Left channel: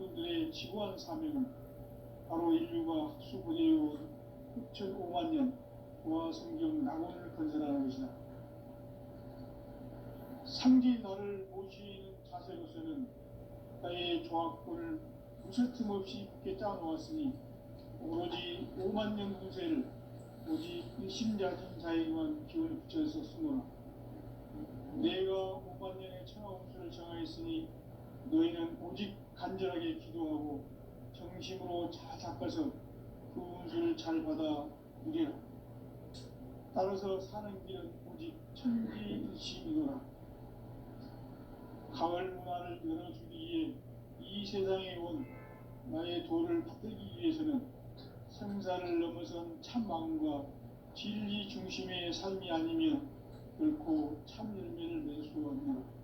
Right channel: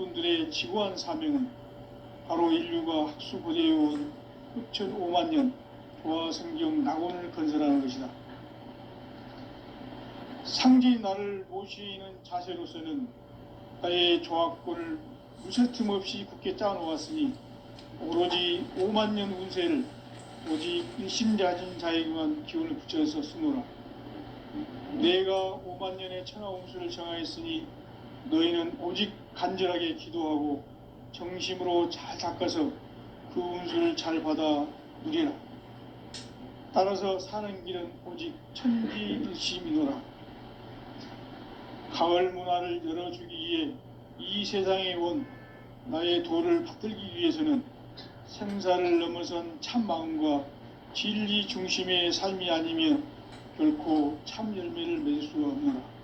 조직군들의 지구한 사명은 바로 인류가 학수고대해온 흑천 5만 년 조화성경 낙원을 건설하는 것이다. 상지 나를 모시는 자세로서는 나의 조합권을 무쇠틈 없이 굳게 짜놓았으니 오로지 5만 년 운세를 오직 일심자진 자에게만 기운을 붙여서 쓰노라. 내가 5만 년의 천하운수를 정하였으니 너희는 오직 간절하게 기도하고 정심으로 잘 닦아서 그 운수를 잘 받아 누리라. 따라서 사는 길은 오직 천지일심이노라. 가을 문화를 열어주기 위해 이 세상에 온 나의 도를 받들기 위해서는 생사를 넘어선 참 마음과 진리 중심의 삶이 아니면 결코 참 열매를 맺을 수가 없노라.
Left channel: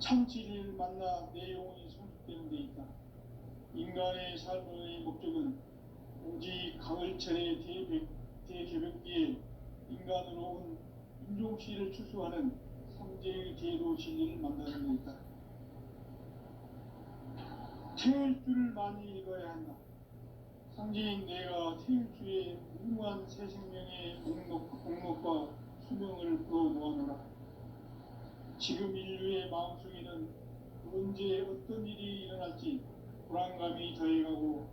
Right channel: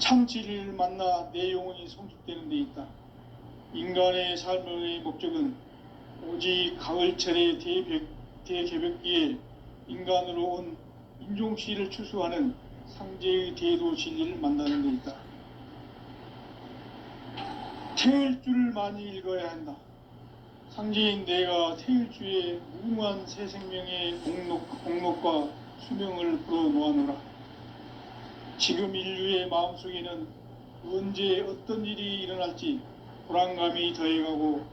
참 진리를 만나 내 영혼이 성숙되는 데 있다. 인간의 삶의 목적은 오직 가을철의 대개벽기에 인간으로 온 인종씨를 추수하는 상제의 대도 진리를 만나는 데 있다. 태을 줄을 많이 읽어야 한다. 상제인 내가 태일주의 무궁한 새 생명의 공록과 수명을 불어놓아노라. 지금 인류의 마음속에는 언제 어떤 일이 일어날지 불안감이 더해가고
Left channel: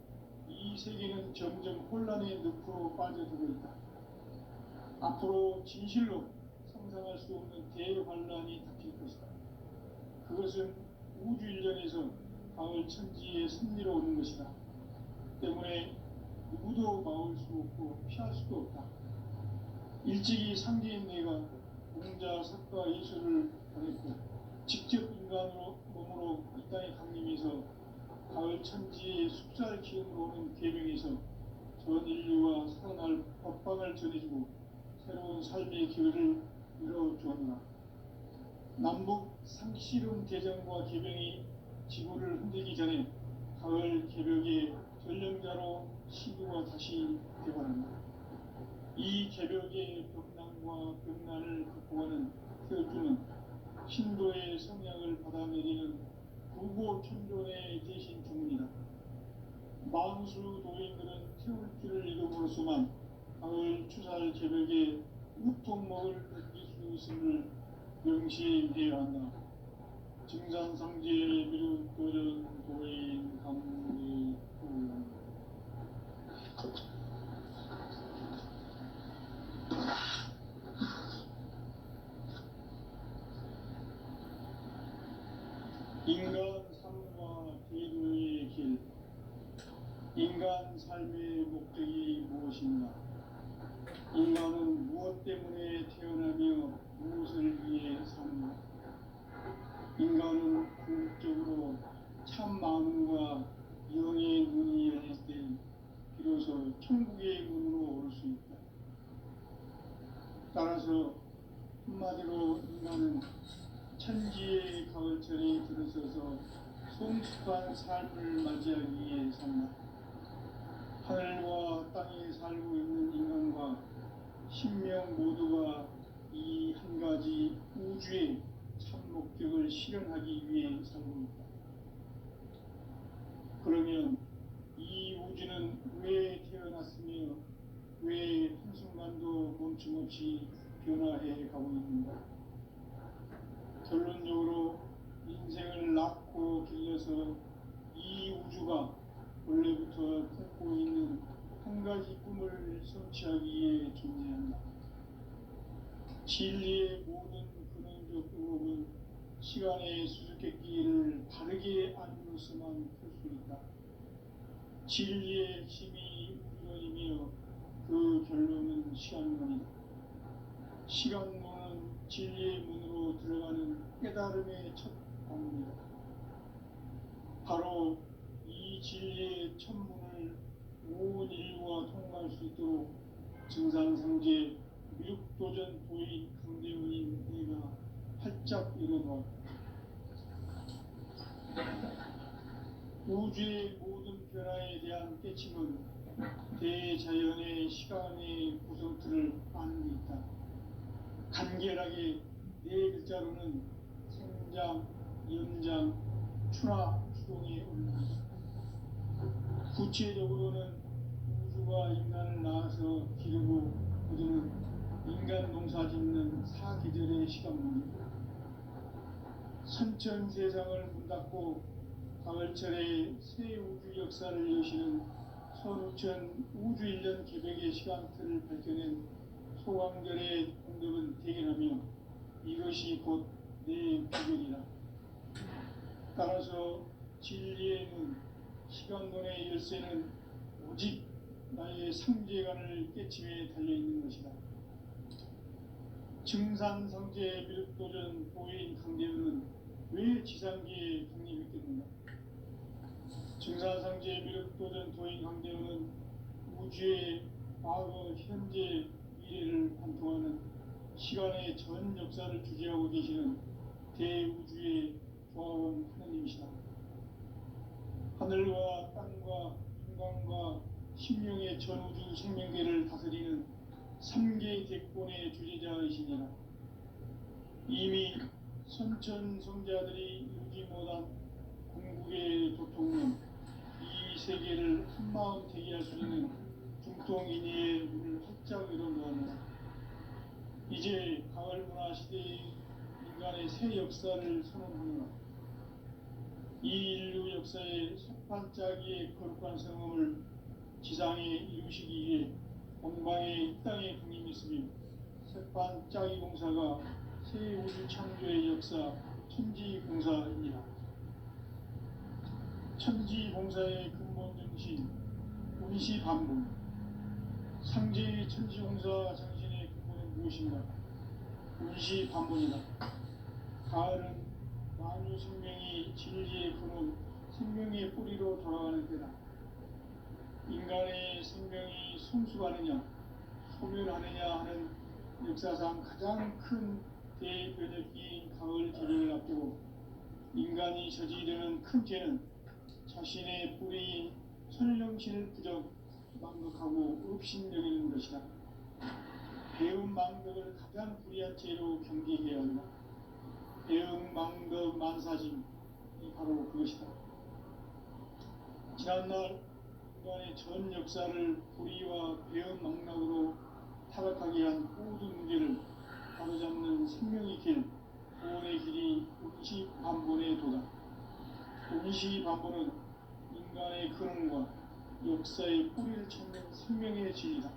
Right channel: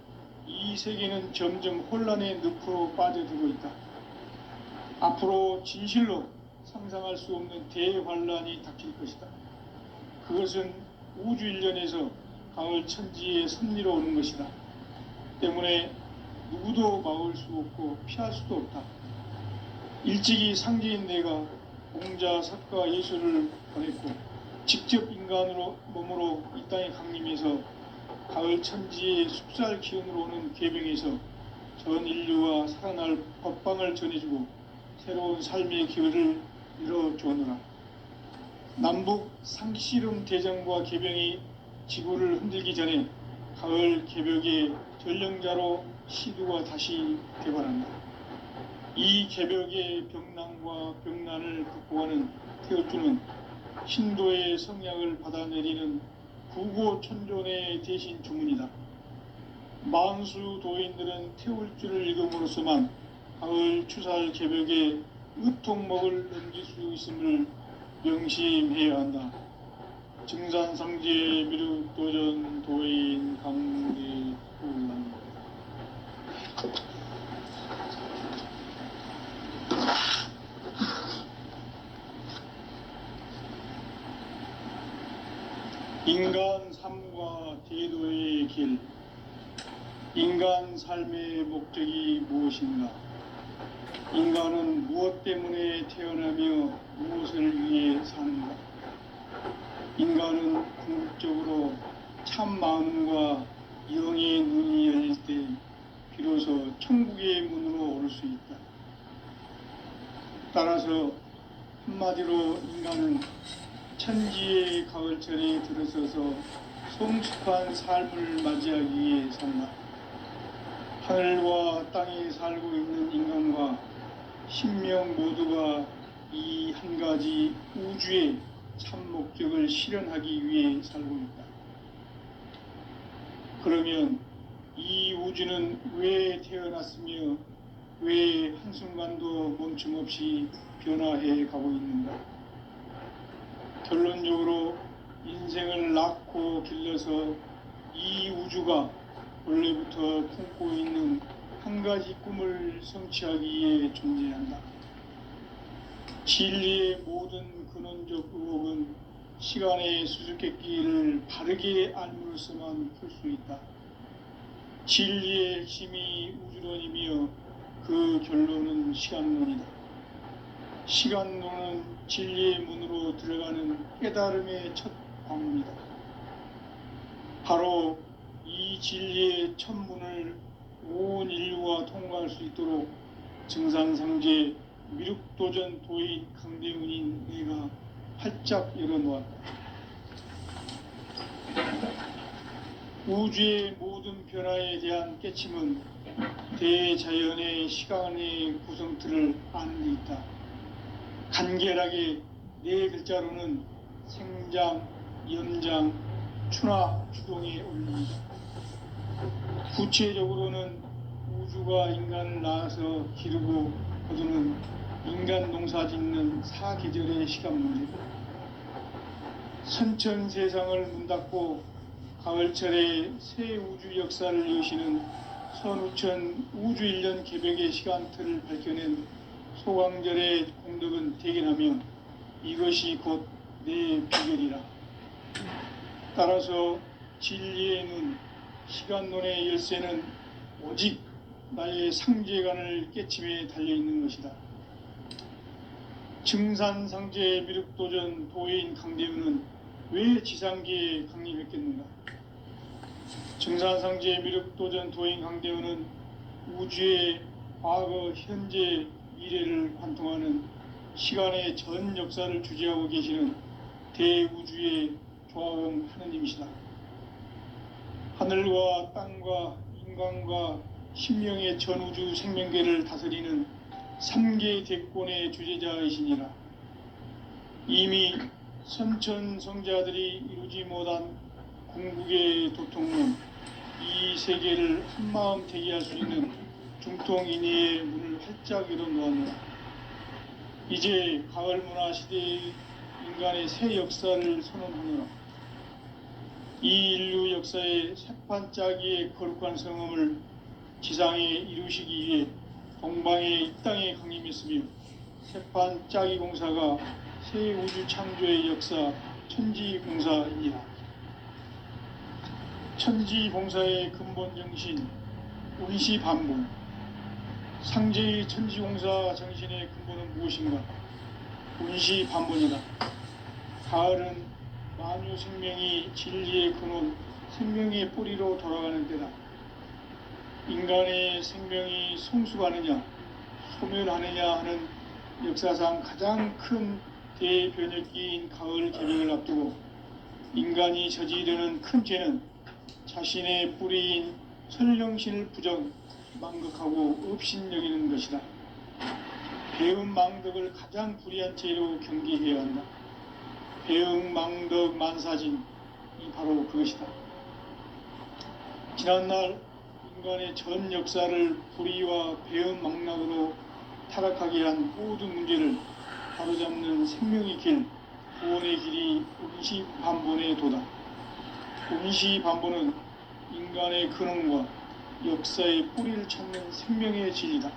이 세계는 점점 혼란의 늪으로 빠져들고 있다. 앞으로 진실로 상상할 수 없는 대환란이 닥칠 것이다. 그것은 우주 일련에서 가을 천지의 섭리로 오는 것이다. 때문에 누구도 막을 수 없고 피할 수도 없다. 일찍이 상제인 내가 공자, 석가, 예수를 보냈고 직접 인간으로 몸으로 이 땅에 강림해서 가을 천지의 숲살 기운으로 오는 계병에서 전 인류와 살아날 법방을 전해주고 새로운 삶의 기회를 열어주었노라. 남북 상씨름 대전과 계병이 지구를 흔들기 전에 가을 개벽의 전령자로 시두가 다시 개발한다. 이 개벽의 병난과 병난을 극복하는 태울주는 신도의 성약을 받아내리는 구고천존의 대신 주문이다. 만수 도인들은 태울주를 읽음으로써만 가을 추살 개벽의 의통목을 넘길 수 있음을 명심해야 한다. 증산상제 미륵도전 도인 강대훈. 인간 삶과 대도의 길. 인간 삶의 목적이 무엇인가? 인간은 무엇 때문에 태어나며 무엇을 위해 사는가? 인간은 궁극적으로 참 마음과 영의 눈이 열릴 때 비로소 천국의 문으로 올 수 있다. 따라서 한마디로 인간은 천지의 가을철에 들어서서 성숙한 삶을 맞이하기 위해 산다. 하늘과 땅에 살고 있는 인간과 신명 모두가 이 한 가지 우주의 참 목적을 실현하기 위해 살고 있다. 그러면 이 우주는 왜 태어났으며 왜 한순간도 멈춤없이 변화해 가고 있는가? 결론적으로 인생을 낳고 길러서 이 우주가 원래부터 품고 있는 한 가지 꿈을 성취하기 위해 존재한다. 진리의 모든 근원적 의혹은 시간의 수수께끼를 바르게 알므로서만 풀 수 있다. 진리의 핵심이 우주론이며 그 결론은 시간론이다. 시간론은 진리의 문으로 들어가는 깨달음의 첫 방문이다. 바로 이 진리의 첫 문을 온 인류가 통과할 수 있도록 증산상제 미륵도전 도인 강대훈인 내가 활짝 열어놓았다. 우주의 모든 변화에 대한 깨침은 대자연의 시간의 구성틀을 아는 데 있다. 간결하게 네 글자로는 생장, 연장, 추나 추동에 올립니다. 구체적으로는 우주가 인간을 낳아서 기르고 거두는 인간 농사 짓는 사계절의 시간 문제, 선천 세상을 문 닫고 가을철에 새 우주 역사를 여시는 선우천 우주 1년 개벽의 시간틀을 밝혀낸 소강절의 공덕은 대견하며 이것이 곧 내 비결이라. 따라서 진리의 눈, 시간론의 열쇠는 오직 나의 상제관을 깨침에 달려있는 것이다. 증산상제 미륵도전 도인 강대우는 왜 지상계에 강림했겠는가? 증산상제 미륵도전 도인 강대우는 우주의 과거, 현재, 미래를 관통하는 시간의 전 역사를 주재하고 계시는 대우주의 조화공 하느님이시다. 하늘과 땅과 인간과 신명의 전우주 생명계를 다스리는 3계 대권의 주재자이시니라. 이미 선천성자들이 이루지 못한 궁극의 도통론, 이 세계를 한마음 대기할 수 있는 중통인의의 문을 활짝 열어놓았노라. 이제 가을 문화 시대의 인간의 새 역사를 선언하노라. 이 인류 역사의 새판짜기의 거룩한 성음을 지상에 이루시기 위해 동방의 이 땅에 강림했으며 새판짜기 공사가 새 우주 창조의 역사 천지봉사이니라. 천지봉사의 근본 정신 운시반본, 상제의 천지공사 정신의 근본은 무엇인가? 운시반본이다. 가을은 만유 생명이 진리의 근원, 생명의 뿌리로 돌아가는 때다. 인간의 생명이 성숙하느냐, 소멸하느냐 하는 역사상 가장 큰 대변혁기인 가을 개벽을 앞두고 인간이 저지르는 큰 죄는 자신의 뿌리인 설령신을 부정, 망극하고 업신여기는 것이다. 배음 망덕을 가장 불의한 죄로 경계해야 한다. 배음 망덕 만사진이 바로 그것이다. 지난날 인간의 전 역사를 불의와 배음 망락으로 타락하게 한 모든 문제를 바로잡는 생명의 길, 구원의 길이 운시반본의 도다. 운시반본은 인간의 근원과 역사의 뿌리를 찾는 생명의 진리다.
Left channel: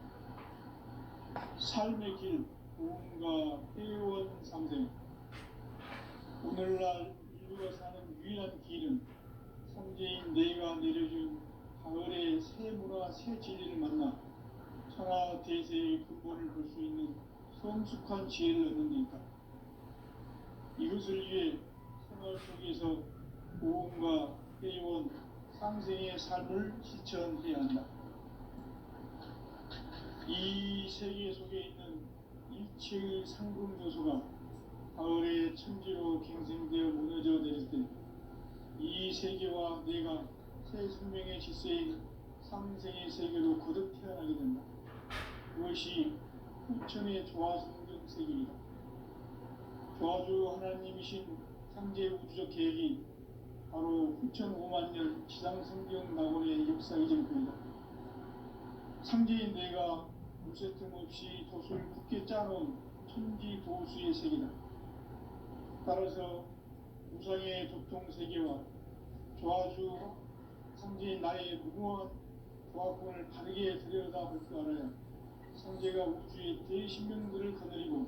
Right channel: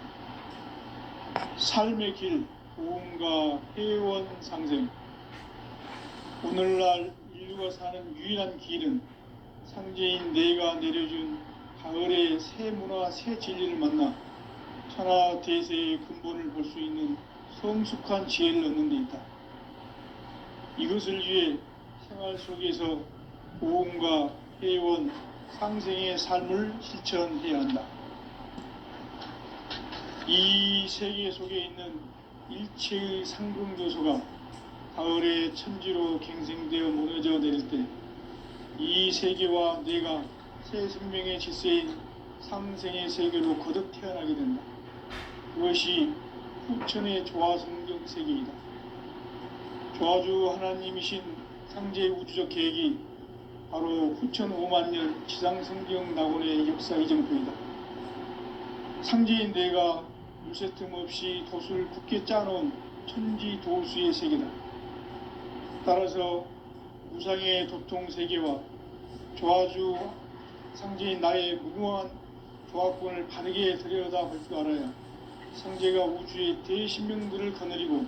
삶의 길, 도움과 회원 상생. 오늘날 인류가 사는 유일한 길은 상제인 내가 내려준 가을의 새 문화, 새 진리를 만나 천하 대세의 근본을 볼 수 있는 성숙한 지혜를 얻는 데 있다. 이것을 위해 생활 속에서 도움과 회원, 상생의 삶을 실천해야 한다. 이 세계 속에 있는 일체의 상승교소가 가을의 천지로 갱생되어 무너져 내릴 때 이 세계와 내가 새 생명의 질서인 상생의 세계로 거듭 태어나게 된다. 그것이 후천의 조화성경 세계이다. 조화주 하나님이신 상제 우주적 계획이 바로 후천 5만 년 지상성경 낙원의 역사 이정표이다. 상제인 내가 물새틈 없이 돛을 굳게 짜놓은 천지 도수의 세계다. 따라서 무상의 도통 세계와 조화주 상제인 나의 무궁한 조화권을 바르게 들여다볼 줄 알아야 상제가 우주의 대신명들을 거느리고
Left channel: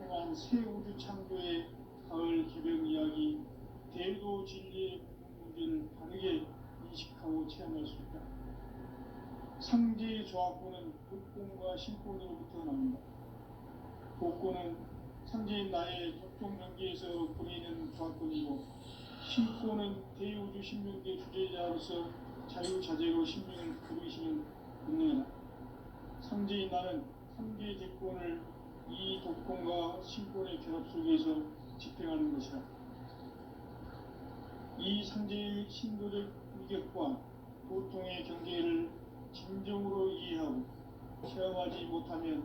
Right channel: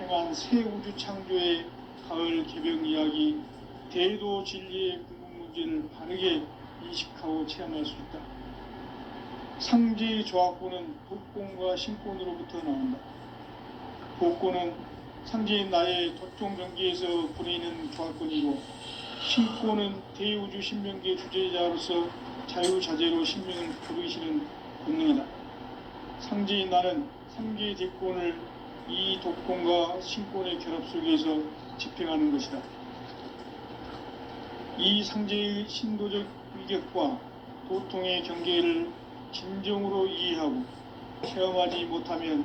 행한 새 우주 창조의 가을 개벽 이야기, 대도 진리의 궁극 문제를 바르게 인식하고 체험할 수 있다. 상제의 조화권은 독권과 신권으로부터 나온다. 독권은 상제인 나의 도통 경계에서 부리는 조화권이고, 신권은 대우주 신명계 주제자로서 자유자재로 신명을 부르시는 본능이다. 상제인 나는 상계의 대권을 이 독권과 신권의 결합 속에서 집행하는 것이다. 이 상제의 신도적 위격과 도통의 경계를 진정으로 이해하고 체험하지 못하면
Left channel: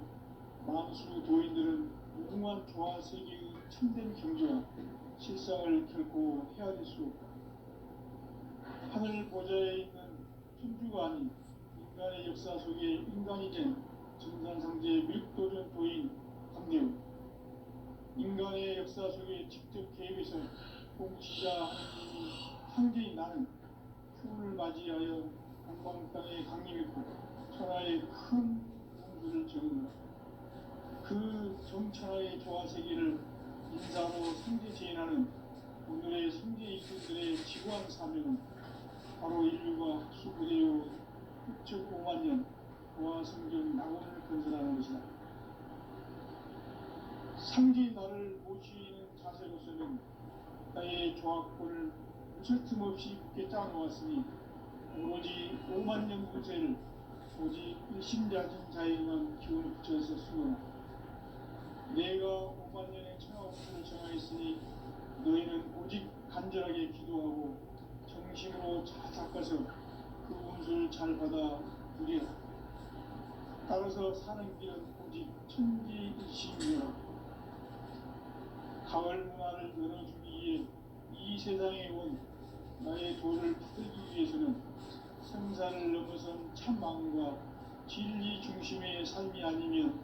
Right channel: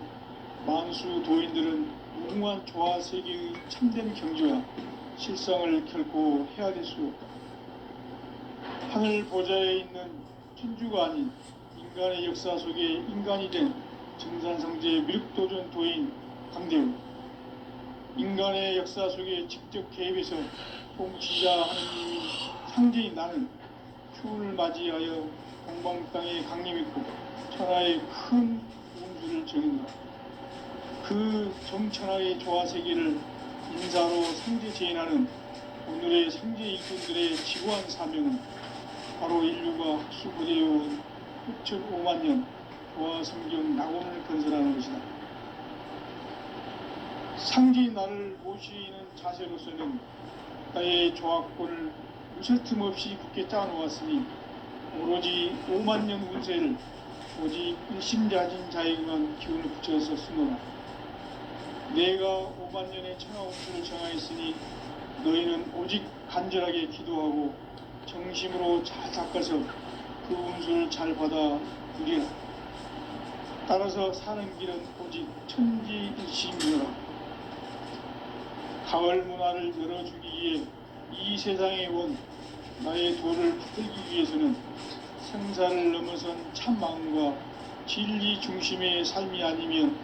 만수 도인들은 무궁한 조화 세계의 참된 경지와 실상을 결코 헤아릴 수 없다. 하늘 보좌에 있는 천주가 아닌 인간의 역사 속에 인간이 된 정산성제 미륵도전 도인 강대우, 인간의 역사 속에 직접 개입해서 통치자 하느님이 상제인 나는 추운을 맞이하여 동방 땅에 강림했고 천하의 큰 운수를 정했노라. 그 정천하의 조화세계를 인사로 상제 제인하는 오늘의 상제 일꾼들의 지구한 사명은 바로 인류가 학수고대해온 6,5만 년 조화성경 낙원을 건설하는 것이다. 상제인 나를 모시는 자세로서는 나의 조합권을 무쇠 틈 없이 굳게 짜놓았으니 오로지 5만 년 운세를 오직 일심자진 자에게만 기운을 붙여서 쓰노라. 내가 5만 년의 천하 운수를 정하였으니 너희는 오직 간절하게 기도하고 정심으로 잘 닦아서 그 운수를 잘 받아 누리라. 따라서 사는 길은 오직 천지일심이라. 가을 문화를 열어주기 위해 이 세상에 온 나의 도를 붙들기 위해서는 생사를 넘어선 참 마음과 진리 중심의 삶이 아니면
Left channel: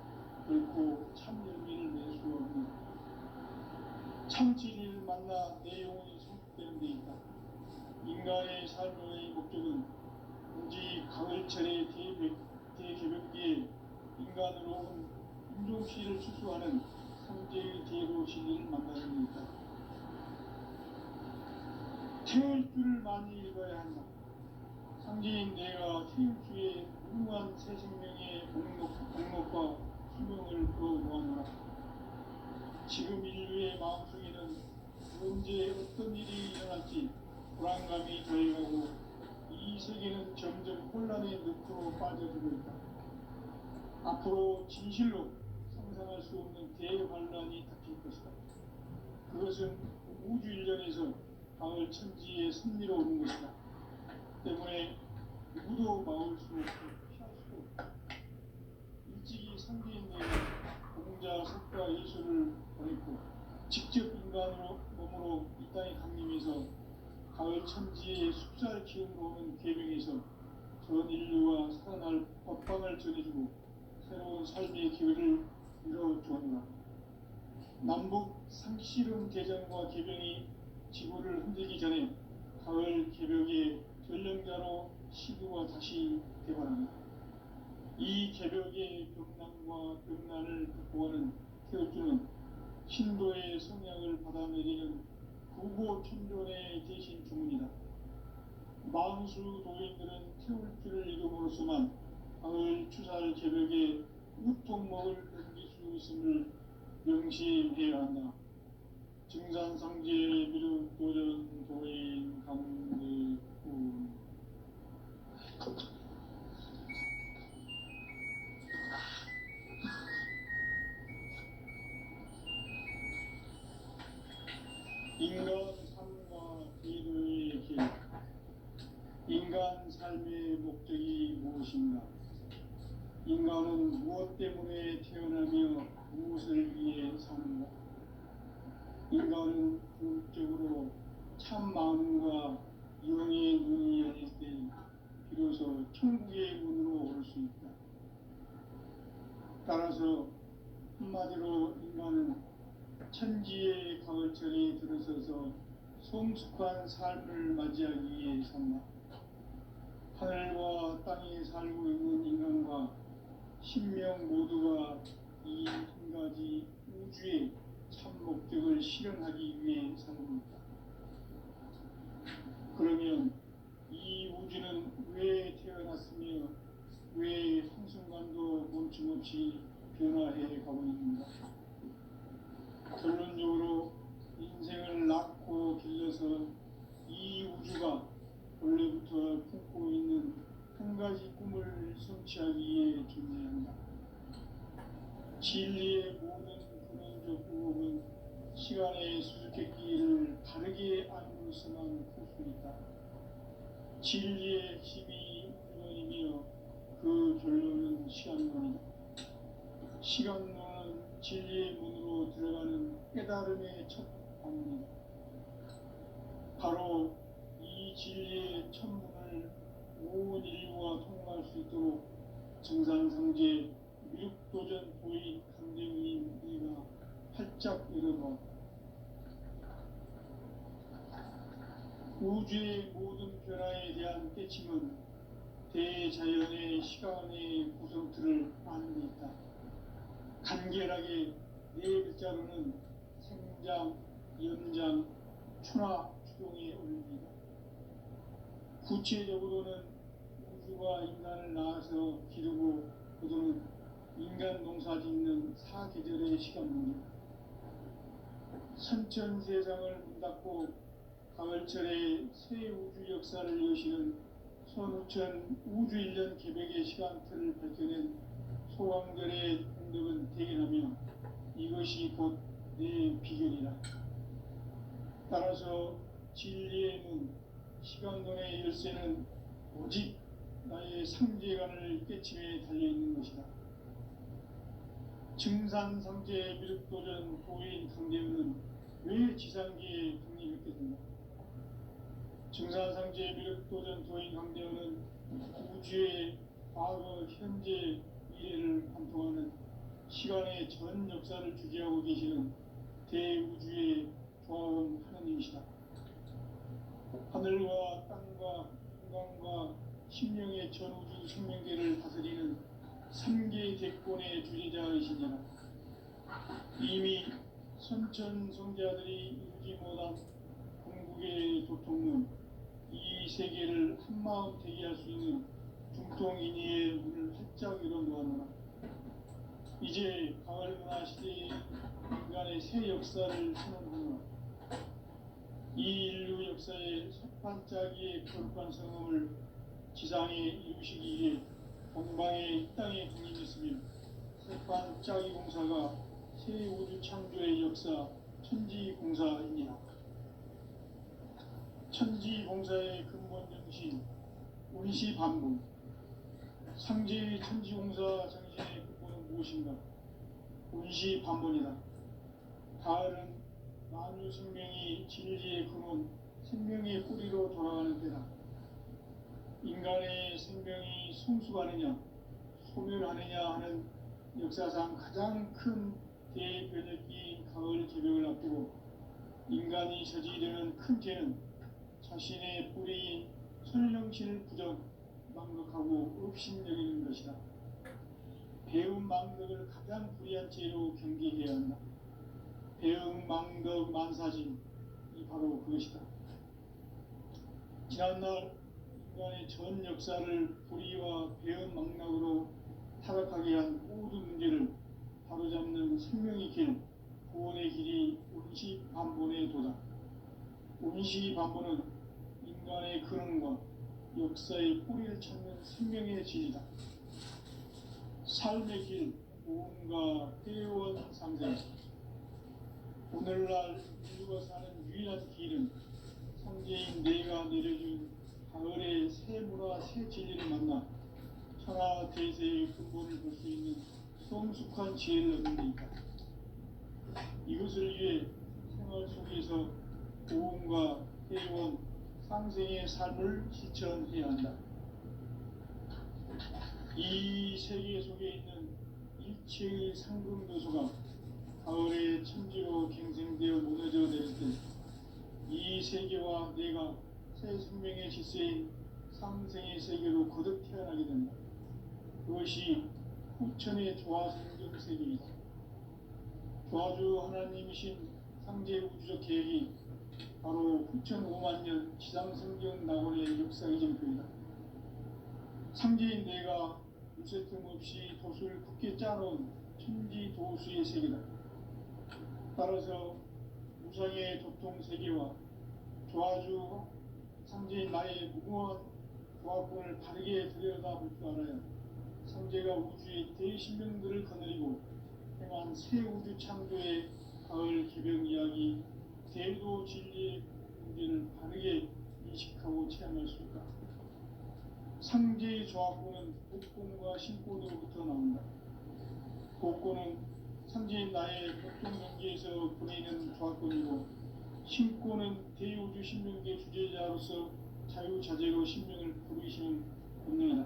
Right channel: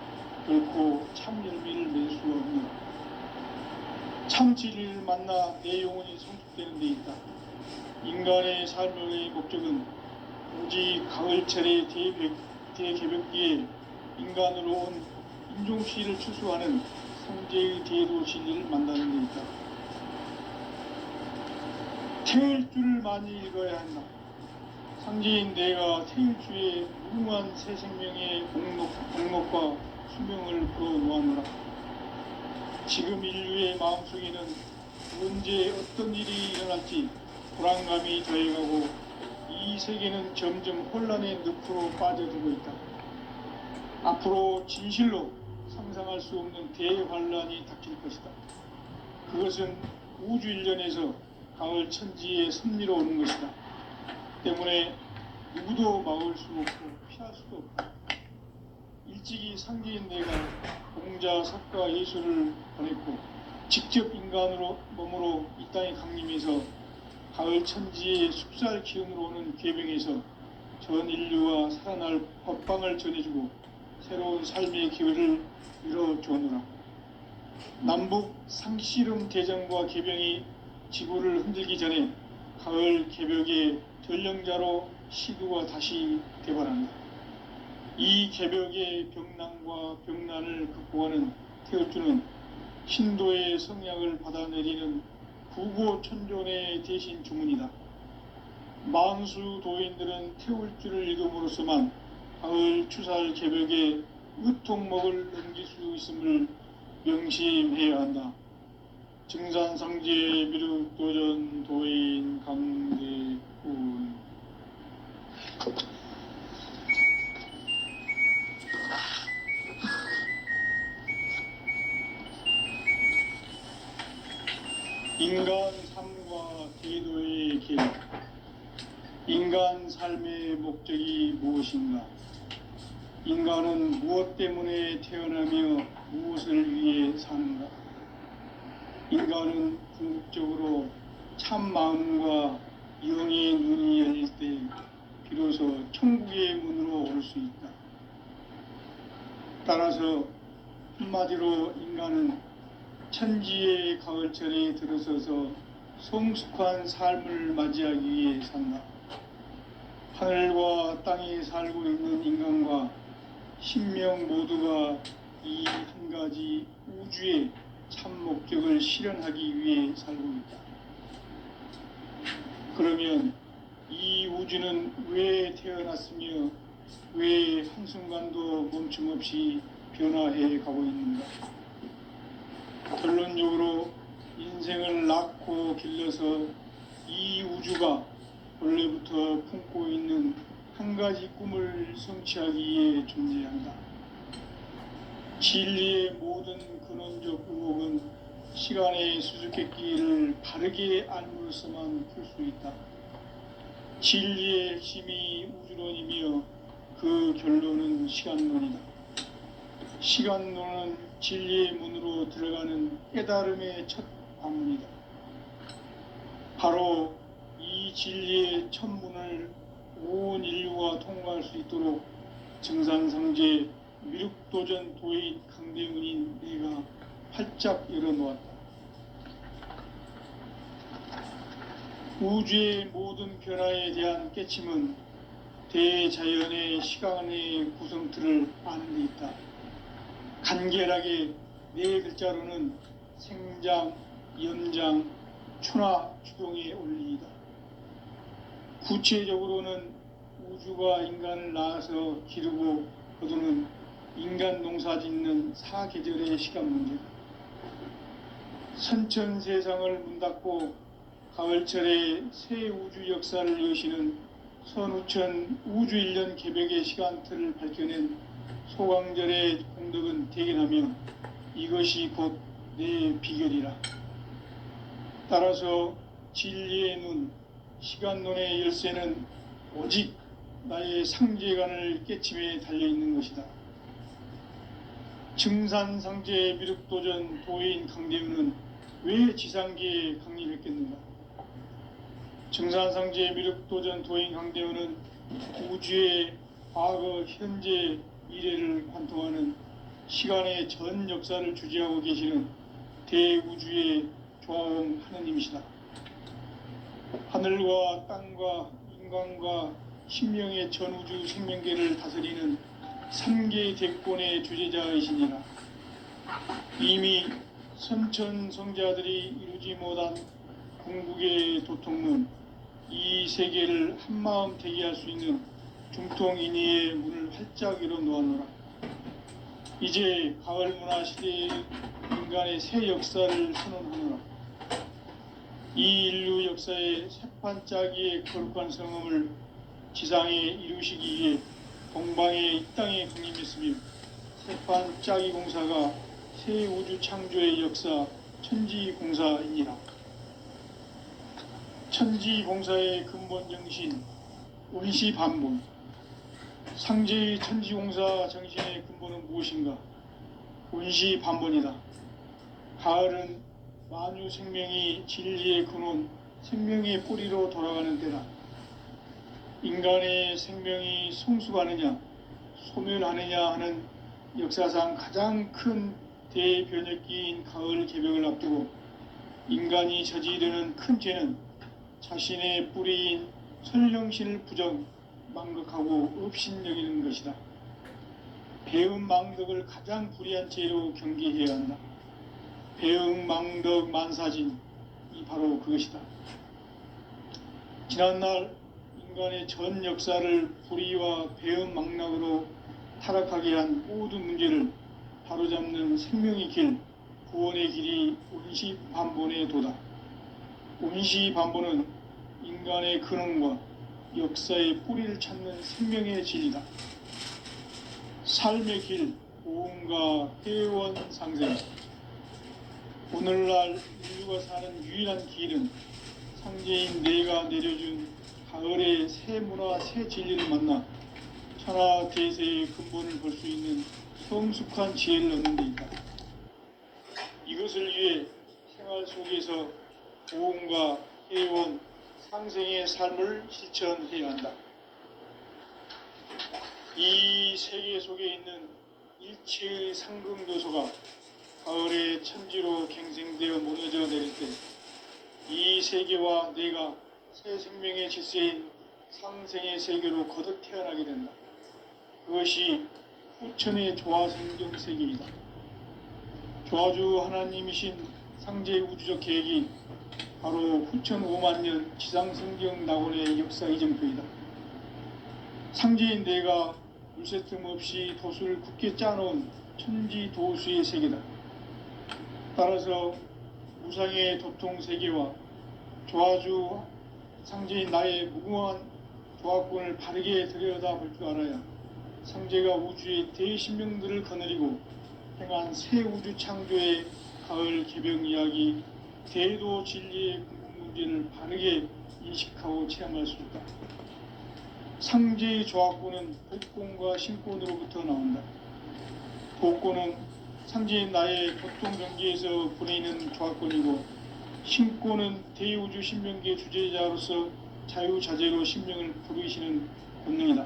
결코 참 열매를 맺을 수 없는 참 진리를 만나 내 영혼이 성숙되는 데 있다. 인간의 삶의 목적은 오직 가을철의 대개벽기에 인간으로 온 인종시를 추수하는 성제의 대도 진리를 만나는 데 있다. 태일 줄을 많이 읽어야 한다. 상제인 내가 태일주의 무궁한 새 생명의 공록과 수명을 풀어놓았노라. 지금 인류의 마음속에는 언제 어떤 일이 일어날지 불안감이 더해가고 이 세계는 점점 혼란의 늪으로 빠져들고 있다. 앞으로 진실로 상상할 수 없는 대환란이 닥칠 것이다. 그것은 우주 일련에서 가을 천지의 섭리로 오는 것이다. 때문에 누구도 막을 수 없고 피할 수도 없다. 일찍이 상제인 내가 공자, 석가, 예수를 보냈고 직접 인간으로 몸으로 이 땅에 강림해서 가을 천지의 숲살 기운으로 오는 궤병에서 전 인류와 살아날 법방을 전해주고 새로운 삶의 기회를 열어주었노라. 남북 상씨름 대전과 개병이 지구를 흔들기 전에 가을 개벽의 전령자로 시두가 다시 되관한다. 이 개벽의 병난과 병난을 극복하는 태울주는 신도의 성약을 받아내리는 구고천존의 대신 주문이다. 만수 도인들은 태울주를 읽음으로써만 가을 추살 개벽의 의통목을 넘길 수 있음을 명심해야 한다. 증산성제 미륵도전 도인 강대훈. 인간 삶과 제도의 길. 인간 삶의 목적이 무엇인가? 인간은 무엇 때문에 태어나며 무엇을 위해 사는가? 인간은 궁극적으로 참 마음과 영의 눈이 열릴 때 비로소 천국의 문으로 올 수 있다. 따라서 한마디로 인간은 천지의 가을철에 들어서서 성숙한 삶을 맞이하기 위해 산다. 하늘과 땅에 살고 있는 인간과 신명 모두가 이 한 가지 우주의 참 목적을 실현하기 위해 살고 있다. 그러면 이 우주는 왜 태어났으며 왜 한순간도 멈춤없이 변화해 가고 있는가? 결론적으로 인생을 낳고 길러서 이 우주가 원래부터 품고 있는 한 가지 꿈을 성취하기 위해 존재한다. 진리의 모든 근원적 의혹은 시간의 수수께끼를 바르게 알므로서만 풀 수 있다. 진리의 핵심이 우주론이며 그 결론은 시간론이다. 시간론은 진리의 문으로 들어가는 깨달음의 첫 방문이다. 바로 이 이 진리의 천문을 온 인류가 통과할 수 있도록 정상상제 미륵도전 도인 강대문인 내가 활짝 열어놓았다. 우주의 모든 변화에 대한 깨침은 대자연의 시간의 구성틀을 아는 데 있다. 간결하게 네 글자로는 생장, 연장, 추나 추동의 원리이다. 구체적으로는 우주가 인간을 낳아서 기르고 거두는 인간 농사 짓는 사계절의 시간 문제다. 선천세상을 문 닫고 가을철에 새 우주 역사를 여시는 선우천 우주일년 개벽의 시간틀을 밝혀낸 소강절의 공덕은 대견하며 이것이 곧 내 비결이라. 따라서 진리의 눈, 시간론의 열쇠는 오직 나의 상제관을 깨침에 달려있는 것이다. 증산상제 미륵도전 도인 강대문은 왜 지상계에 강림했겠는가? 증산상제 미륵도전 도인 강대문은 우주의 과거, 현재, 미래를 관통하는 시간의 전 역사를 주재하고 계시는 대우주의 조화원 하느님이시다. 하늘과 땅과 인간과 신명의 전우주 생명계를 다스리는 3개 대권의 주재자이시니라. 이미 선천성자들이 이루지 못한 궁극의 도통문, 이 세계를 한마음 대기할 수 있는 중통인의의 문을 활짝 열어놓아노라. 이제 가을문화 시대의 인간의 새 역사를 선언하노라. 이 인류 역사의 새판짜기의 거룩한 성음을 지상에 이루시기 위해 동방의 이 땅에 강림했으며 새판짜기 공사가 새 우주 창조의 역사 천지공사이니라. 천지공사의 근본 정신 운시반본. 상제의 천지공사 정신의 근본은 무엇인가? 운시반본이다. 가을은 만유 생명이 진리의 근원, 생명의 뿌리로 돌아가는 때다. 인간의 생명이 성숙하느냐, 소멸하느냐 하는 역사상 가장 큰 대변혁기인 가을 개벽을 앞두고 인간이 저지르는 큰 죄는 자신의 뿌리인 설령신을 부정, 망극하고 업신여기는 것이다. 배음 망덕을 가장 불의한 죄로 경계해야 한다. 배음 망덕 만사진이 바로 그것이다. 지난날 인간의 전 역사를 불의와 배음 망락으로 타락하게 한 모든 문제를 바로잡는 생명의 길, 구원의 길이 운시반본의 도다. 운시반본은 인간의 근원과 역사의 뿌리를 찾는 생명의 진리다. 삶의 길, 고음과 회원 상생. 오늘날 인류가 사는 유일한 길은 상제인 내가 내려준 가을의 새 문화, 새 진리를 만나 천하 대세의 근본을 볼 수 있는 성숙한 지혜를 얻는 데 있다. 이것을 위해 생활 속에서 고음과 회원, 상생의 삶을 실천해야 한다. 이 세계 속에 있는 일체의 상승도소가 가을의 천지로 갱생되어 무너져 내릴 때 이 세계와 내가 새 생명의 질서인 상생의 세계로 거듭 태어나게 된다. 그것이 후천의 조화성경 세계이다. 조화주 하나님이신 상제 우주적 계획이 바로 후천 5만 년 지상성경 낙원의 역사 이정표이다. 상제인 내가 물새 틈 없이 도수를 굳게 짜놓은 천지 도수의 세계다. 따라서 무상의 도통 세계와 조화주 상제인 나의 무궁한 조화권을 바르게 들여다볼 줄 알아야 상제가 우주의 대신명들을 거느리고 행한 새 우주 창조의 가을 개벽 이야기, 대도 진리의 궁극 문제를 바르게 인식하고 체험할 수 있다. 상제의 조화권은 복권과 신권으로부터 나온다. 복권은 상제인 나의 보통 경계에서 보내는 조화권이고, 신권은 대우주 신명계 주제자로서 자유자재로 신명을 부르시는 본능이다.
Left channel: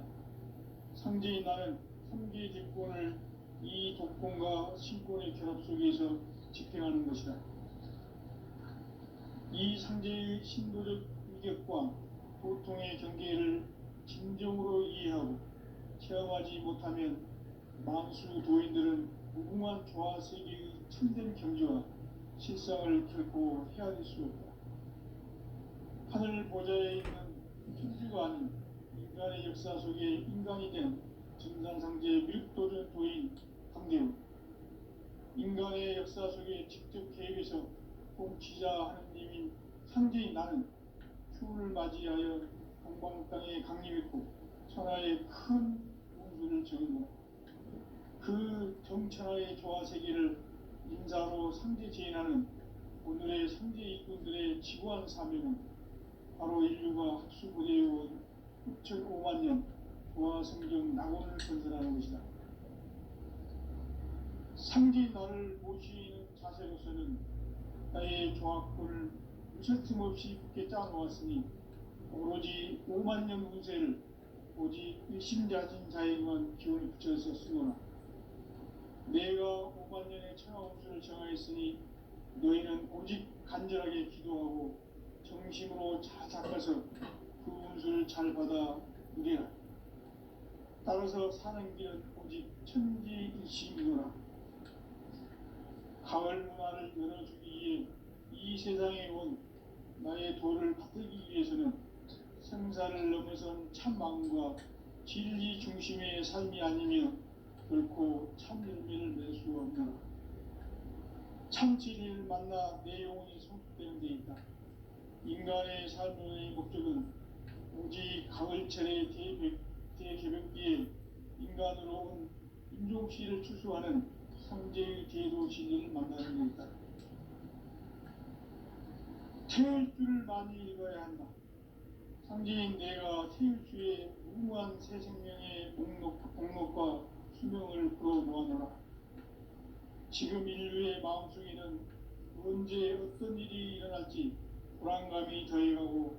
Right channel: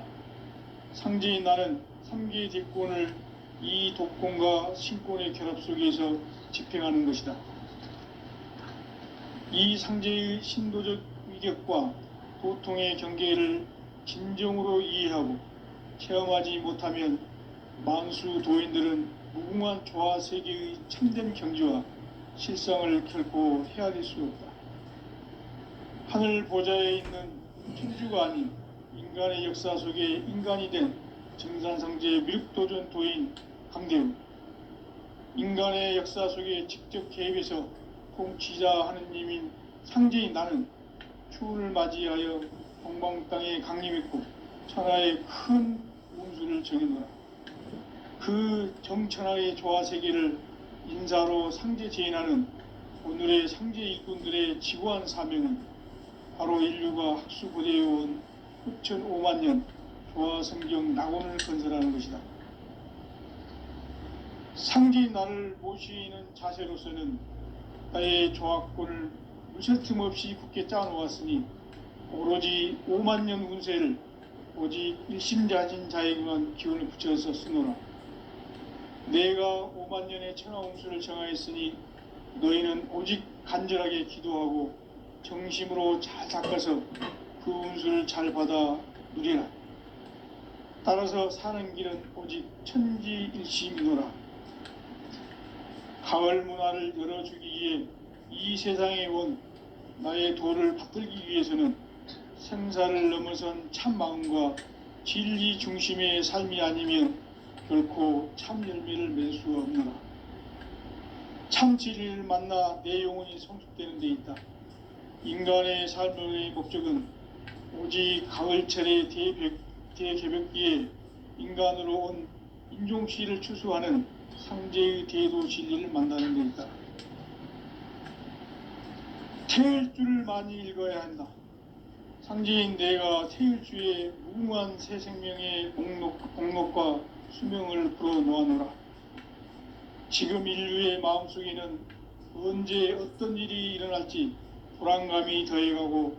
상제인 나는 상계의 대권을 이 독권과 신권의 결합 속에서 집행하는 것이다. 이 상제의 신도적 위격과 도통의 경계를 진정으로 이해하고 체험하지 못하면 만수 도인들은 무궁한 조화 세계의 참된 경지와 실상을 결코 헤아릴 수 없다. 하늘 보좌에 있는 천주가 아닌 인간의 역사 속에 인간이 된 증산상제 미륵도전 도인 강대우, 인간의 역사 속에 직접 개입해서 통치자 하느님인 상제인 나는 추운을 맞이하여 동방 땅에 강림했고 천하의 큰 운수를 정해놓아 그 정천하의 조화세계를 인사로 상제 제인하는 오늘의 상제 일꾼들의 지구한 사명은 바로 인류가 학수고대해온 6,500만 년 조화성경 낙원을 건설하는 것이다. 상제인 나를 모시는 자세로서는 나의 조화권을 무슨 틈없이 굳게 짜놓았으니 오로지 5만 년 운세를 오직 일심자진 자에게만 기운을 붙여서 쓰노라. 내가 5만 년의 천하운수를 정하였으니 너희는 오직 간절하게 기도하고 정심으로 잘 닦아서 그 운수를 잘 받아 누리라. 따라서 사는 길은 오직 천지일심이노라. 가을 문화를 열어주기 위해 이 세상에 온 나의 도를 받들기 위해서는 생사를 넘어선 참 마음과 진리 중심의 삶이 아니면 결코 참 열매를 맺을 수 없노라. 참 진리를 만나 내 영혼이 성숙되는 데 있다. 인간의 삶의 목적은 오직 가을철의 대개벽기에 인간으로 온 인종시를 추수하는 상제의 대도 진리를 만나는 데 있다. 태일주를 많이 읽어야 한다. 상제인 내가 태일주의 무궁한 새 생명의 목록과 수명을 풀어놓아노라. 지금 인류의 마음속에는 언제 어떤 일이 일어날지 불안감이 더해가고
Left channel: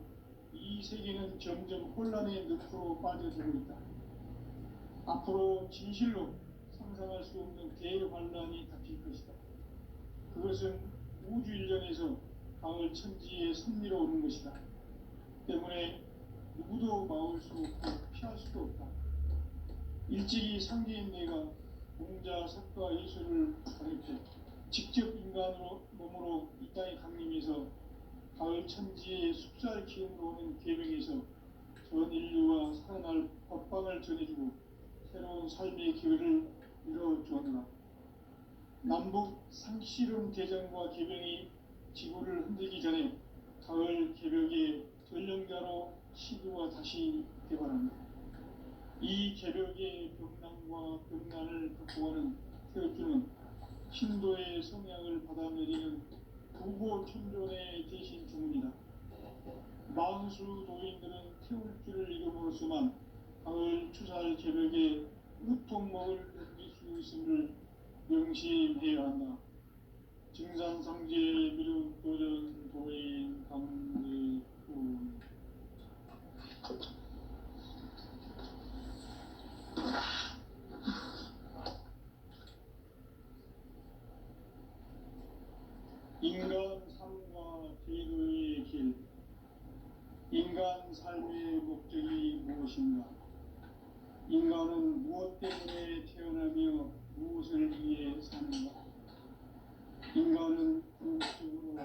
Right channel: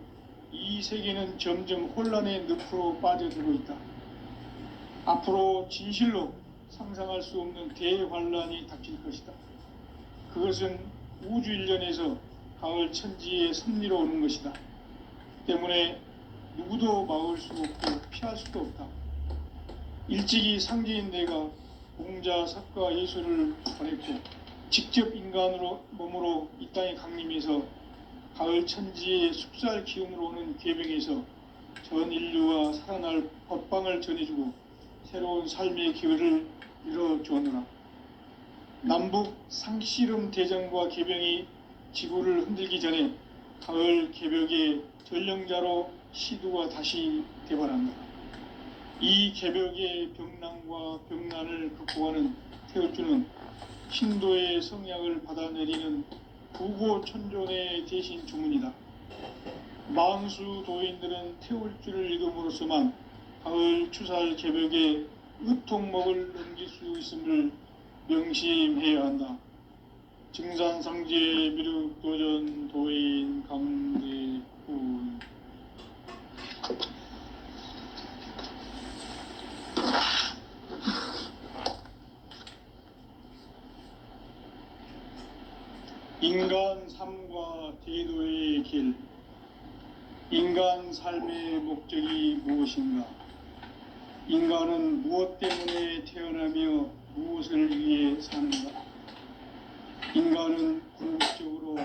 이 세계는 점점 혼란의 늪으로 빠져들고 있다. 앞으로 진실로 상상할 수 없는 대환란이 닥칠 것이다. 그것은 우주 일련에서 가을 천지의 섭리로 오는 것이다. 때문에 누구도 막을 수 없고 피할 수도 없다. 일찍이 상제인 내가 공자, 석가, 예수를 보냈고 직접 인간으로 몸으로 이 땅에 강림해서 가을 천지의 숲살 기운으로 오는 계명에서 전 인류가 살아날 법방을 전해주고 새로운 삶의 기회를 열어주었노라. 남북 상씨름 대전과 개병이 지구를 흔들기 전에 가을 개벽의 전령자로 시두가 다시 대발한다. 이 개벽의 병난과 병난을 극복하는 태울주는 신도의 성약을 받아내리는 구고천존의 대신 주문이다. 만수 도인들은 태울주를 읽음으로써만 가을 추살 개벽의 의통목을 넘길 수 있음을 명심해야 한다. 증산상제 미륵도전 도인 강대훈. 인간 삶과 제도의 길. 인간 삶의 목적이 무엇인가? 인간은 무엇 때문에 태어나며 무엇을 위해 사는가? 인간은 궁극적으로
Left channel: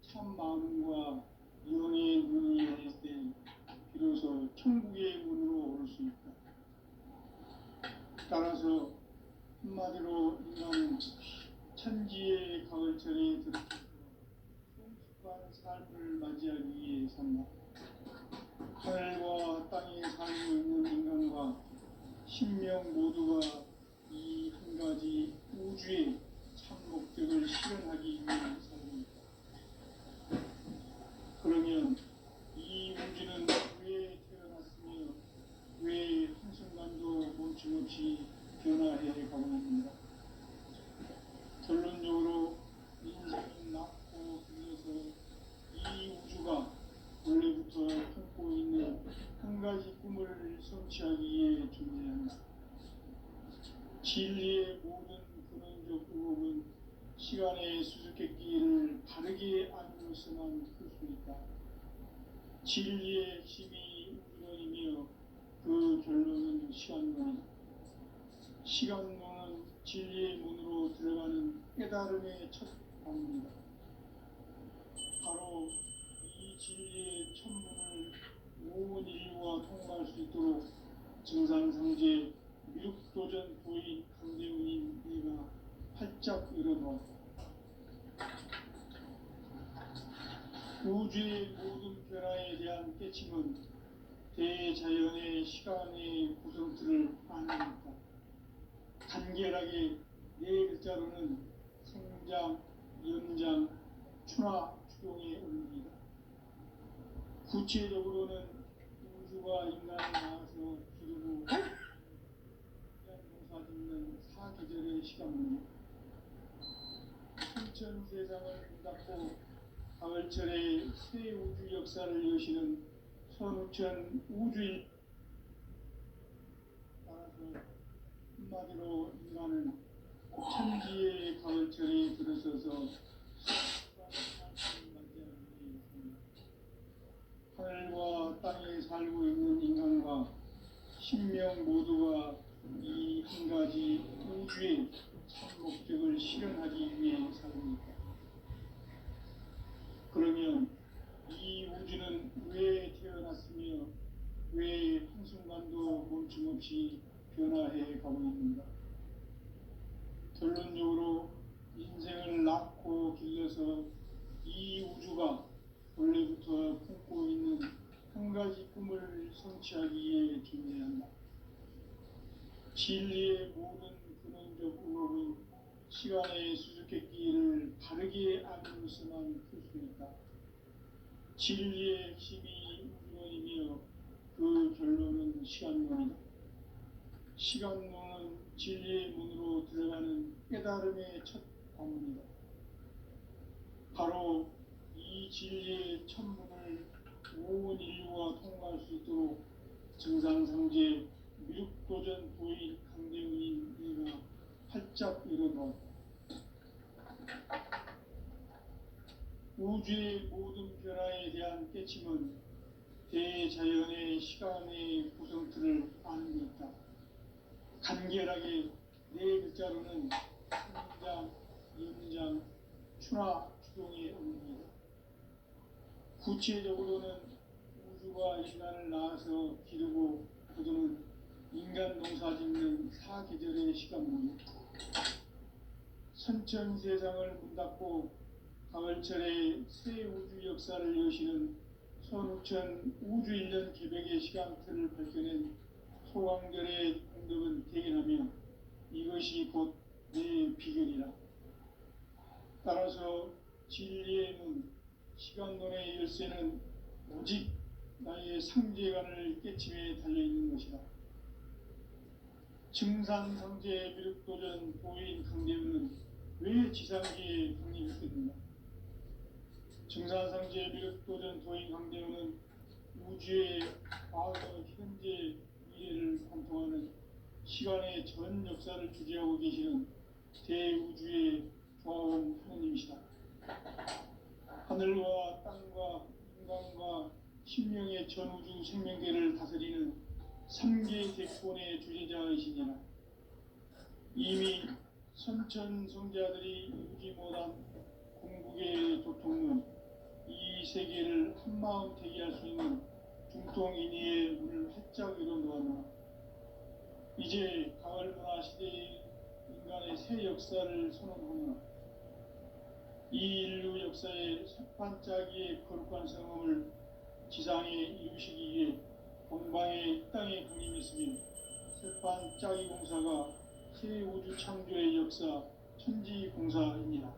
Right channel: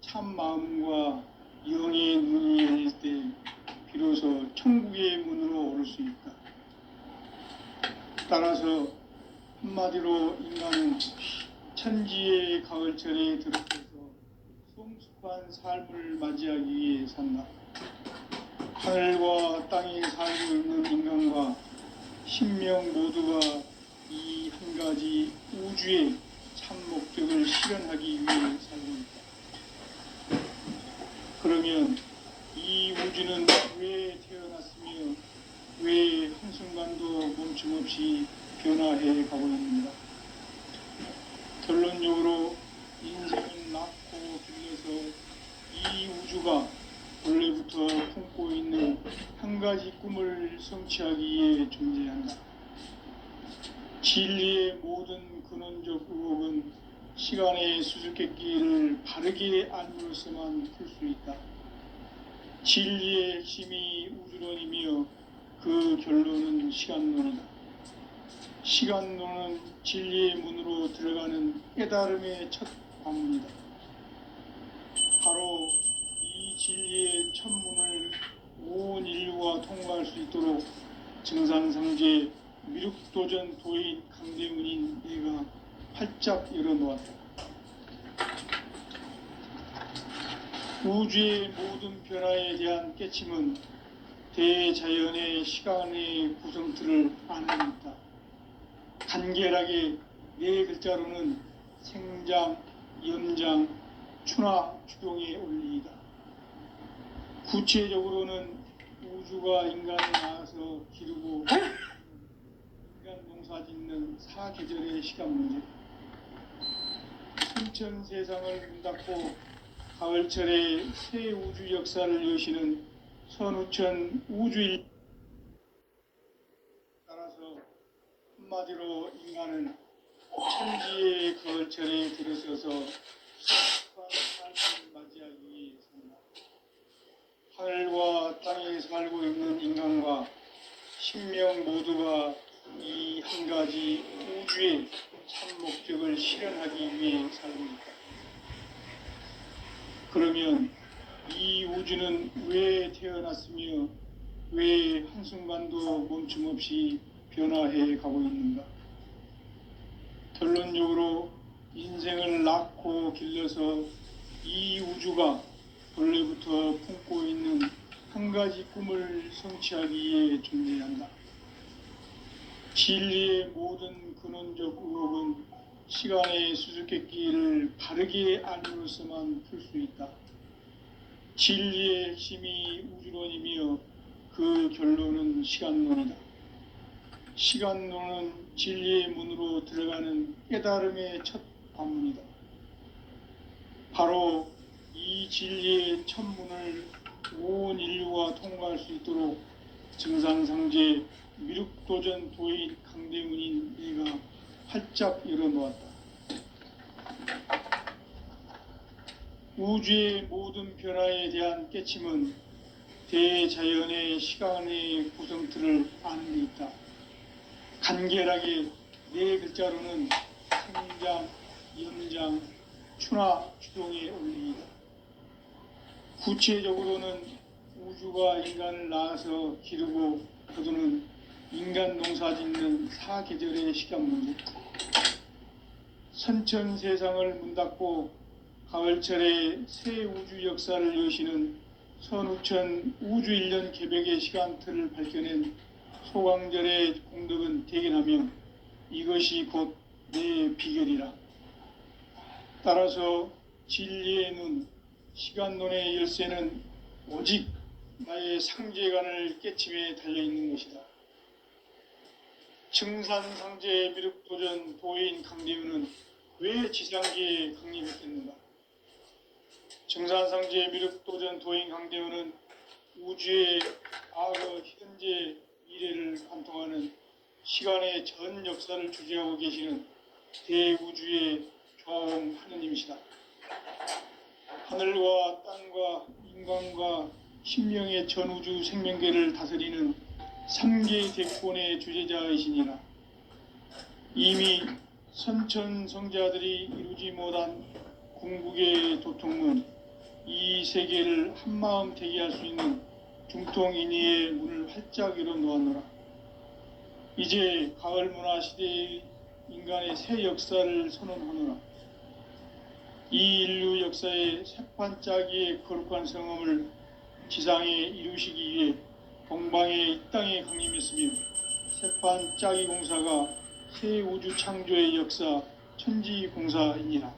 참 마음과 영의 눈이 열릴 때 비로소 천국의 문으로 오를 수 있다. 따라서 한마디로 인간은 천지의 가을철에 들어서서 성숙한 삶을 맞이하기 위해 산다. 하늘과 땅에 살고 있는 인간과 신명 모두가 이 한 가지 우주의 참 목적을 실현하기 위해 살고 있다. 그러면 이 우주는 왜 태어났으며 왜 한순간도 멈춤없이 변화해 가고 있는가? 결론적으로 인생은 낳고 빌려서 이 우주가 원래부터 품고 있는 한 가지 꿈을 성취하기 위해 존재한다. 진리의 모든 근원적 의혹은 시간의 수수께끼를 바르게 알므로서만 풀 수 있다. 진리의 핵심이 우주론이며 그 결론은 시간론이다. 시간론은 진리의 문으로 들어가는 깨달음의 첫 관문이다. 바로 이 진리의 첫 문을 온 인류가 통과할 수 있도록 증산상제 미륵도전 도인 강대문인 내가 활짝 열어놓았다. 우주의 모든 변화에 대한 깨침은 대자연의 시간의 구성틀을 안는다. 간결하게 네 글자로는 생장, 염장, 추나 추동의 원리이다. 구체적으로는 우주가 인간을 낳아서 기르고 인간 농사짓는 사계절의 시간 문제, 순천 세상을 문 닫고 가을철에 새 우주 역사를 여시는 선우천 우주일, 따라서 한마디로 인간은 천지의 가을철에 들어서서 삶을 맞이하기 위해 산다. 하늘과 땅에 살고 있는 인간과 신명 모두가 이 한 가지 우주의 참 목적을 실현하기 위해 살고 있다. 그러면 이 우주는 왜 태어났으며 왜 한순간도 멈춤 없이 변화해 가고 있는가? 결론적으로 인생을 낳고 길러서 이 우주가 본래부터 품고 있는 한 가지 꿈을 성취하기 위해 존재한다. 진리의 모든 근원적 의혹은 시간의 수수께끼를 바르게 알므로서만 풀 수 있다. 진리의 핵심이 우주론이며 그 결론은 시간론이다. 시간론은 진리의 문으로 들어가는 깨달음의 첫 관문이다. 바로 이 진리의 첫 문을 온 인류가 통과할 수 있도록 증산상제 미륵도전 도인 강대문인 내가 활짝 열어놓았다. 우주의 모든 변화에 대한 깨침은 대자연의 시간의 구성틀을 아는 데 있다. 간결하게 네 글자로는 생장, 염장, 추나 추동의 원리이다. 구체적으로는 우주가 인간을 낳아서 기르고 거두는 인간 농사짓는 사계절의 시간 문제, 선천 세상을 문 닫고 가을철에 새 우주 역사를 여시는 선우천 우주 1년 개벽의 시간틀을 밝혀낸 소강절의 공덕은 대견하며 이것이 곧 내 비결이라. 따라서 진리의 눈, 시간론의 열쇠는 오직 나의 상제관을 깨침에 달려있는 것이다. 증산상제 미륵도전 도인 강대문은 왜 지상계에 강림했겠는가? 증산상제 미륵도전 도인 강대문은 우주의 과거, 현재, 미래를 관통하는 시간의 전 역사를 주재하고 계시는 대우주의 조화원 하느님이시다. 하늘과 땅과 인간과 신명의 전우주 생명계를 다스리는 3개 대권의 주제자이시니라. 이미 선천 성자들이 이루지 못한 궁극의 도통문, 이 세계를 한마음 되게 할 수 있는 중통인의의 문을 활짝 열어놓았노라. 이제 가을 문화 시대의 인간의 새 역사를 선언하노라. 이 인류 역사의 새판짜기의 거룩한 성험을 지상에 이루시기 위해 동방의 이 땅에 강림했으며 새판짜기 공사가 새 우주 창조의 역사 천지공사이니라.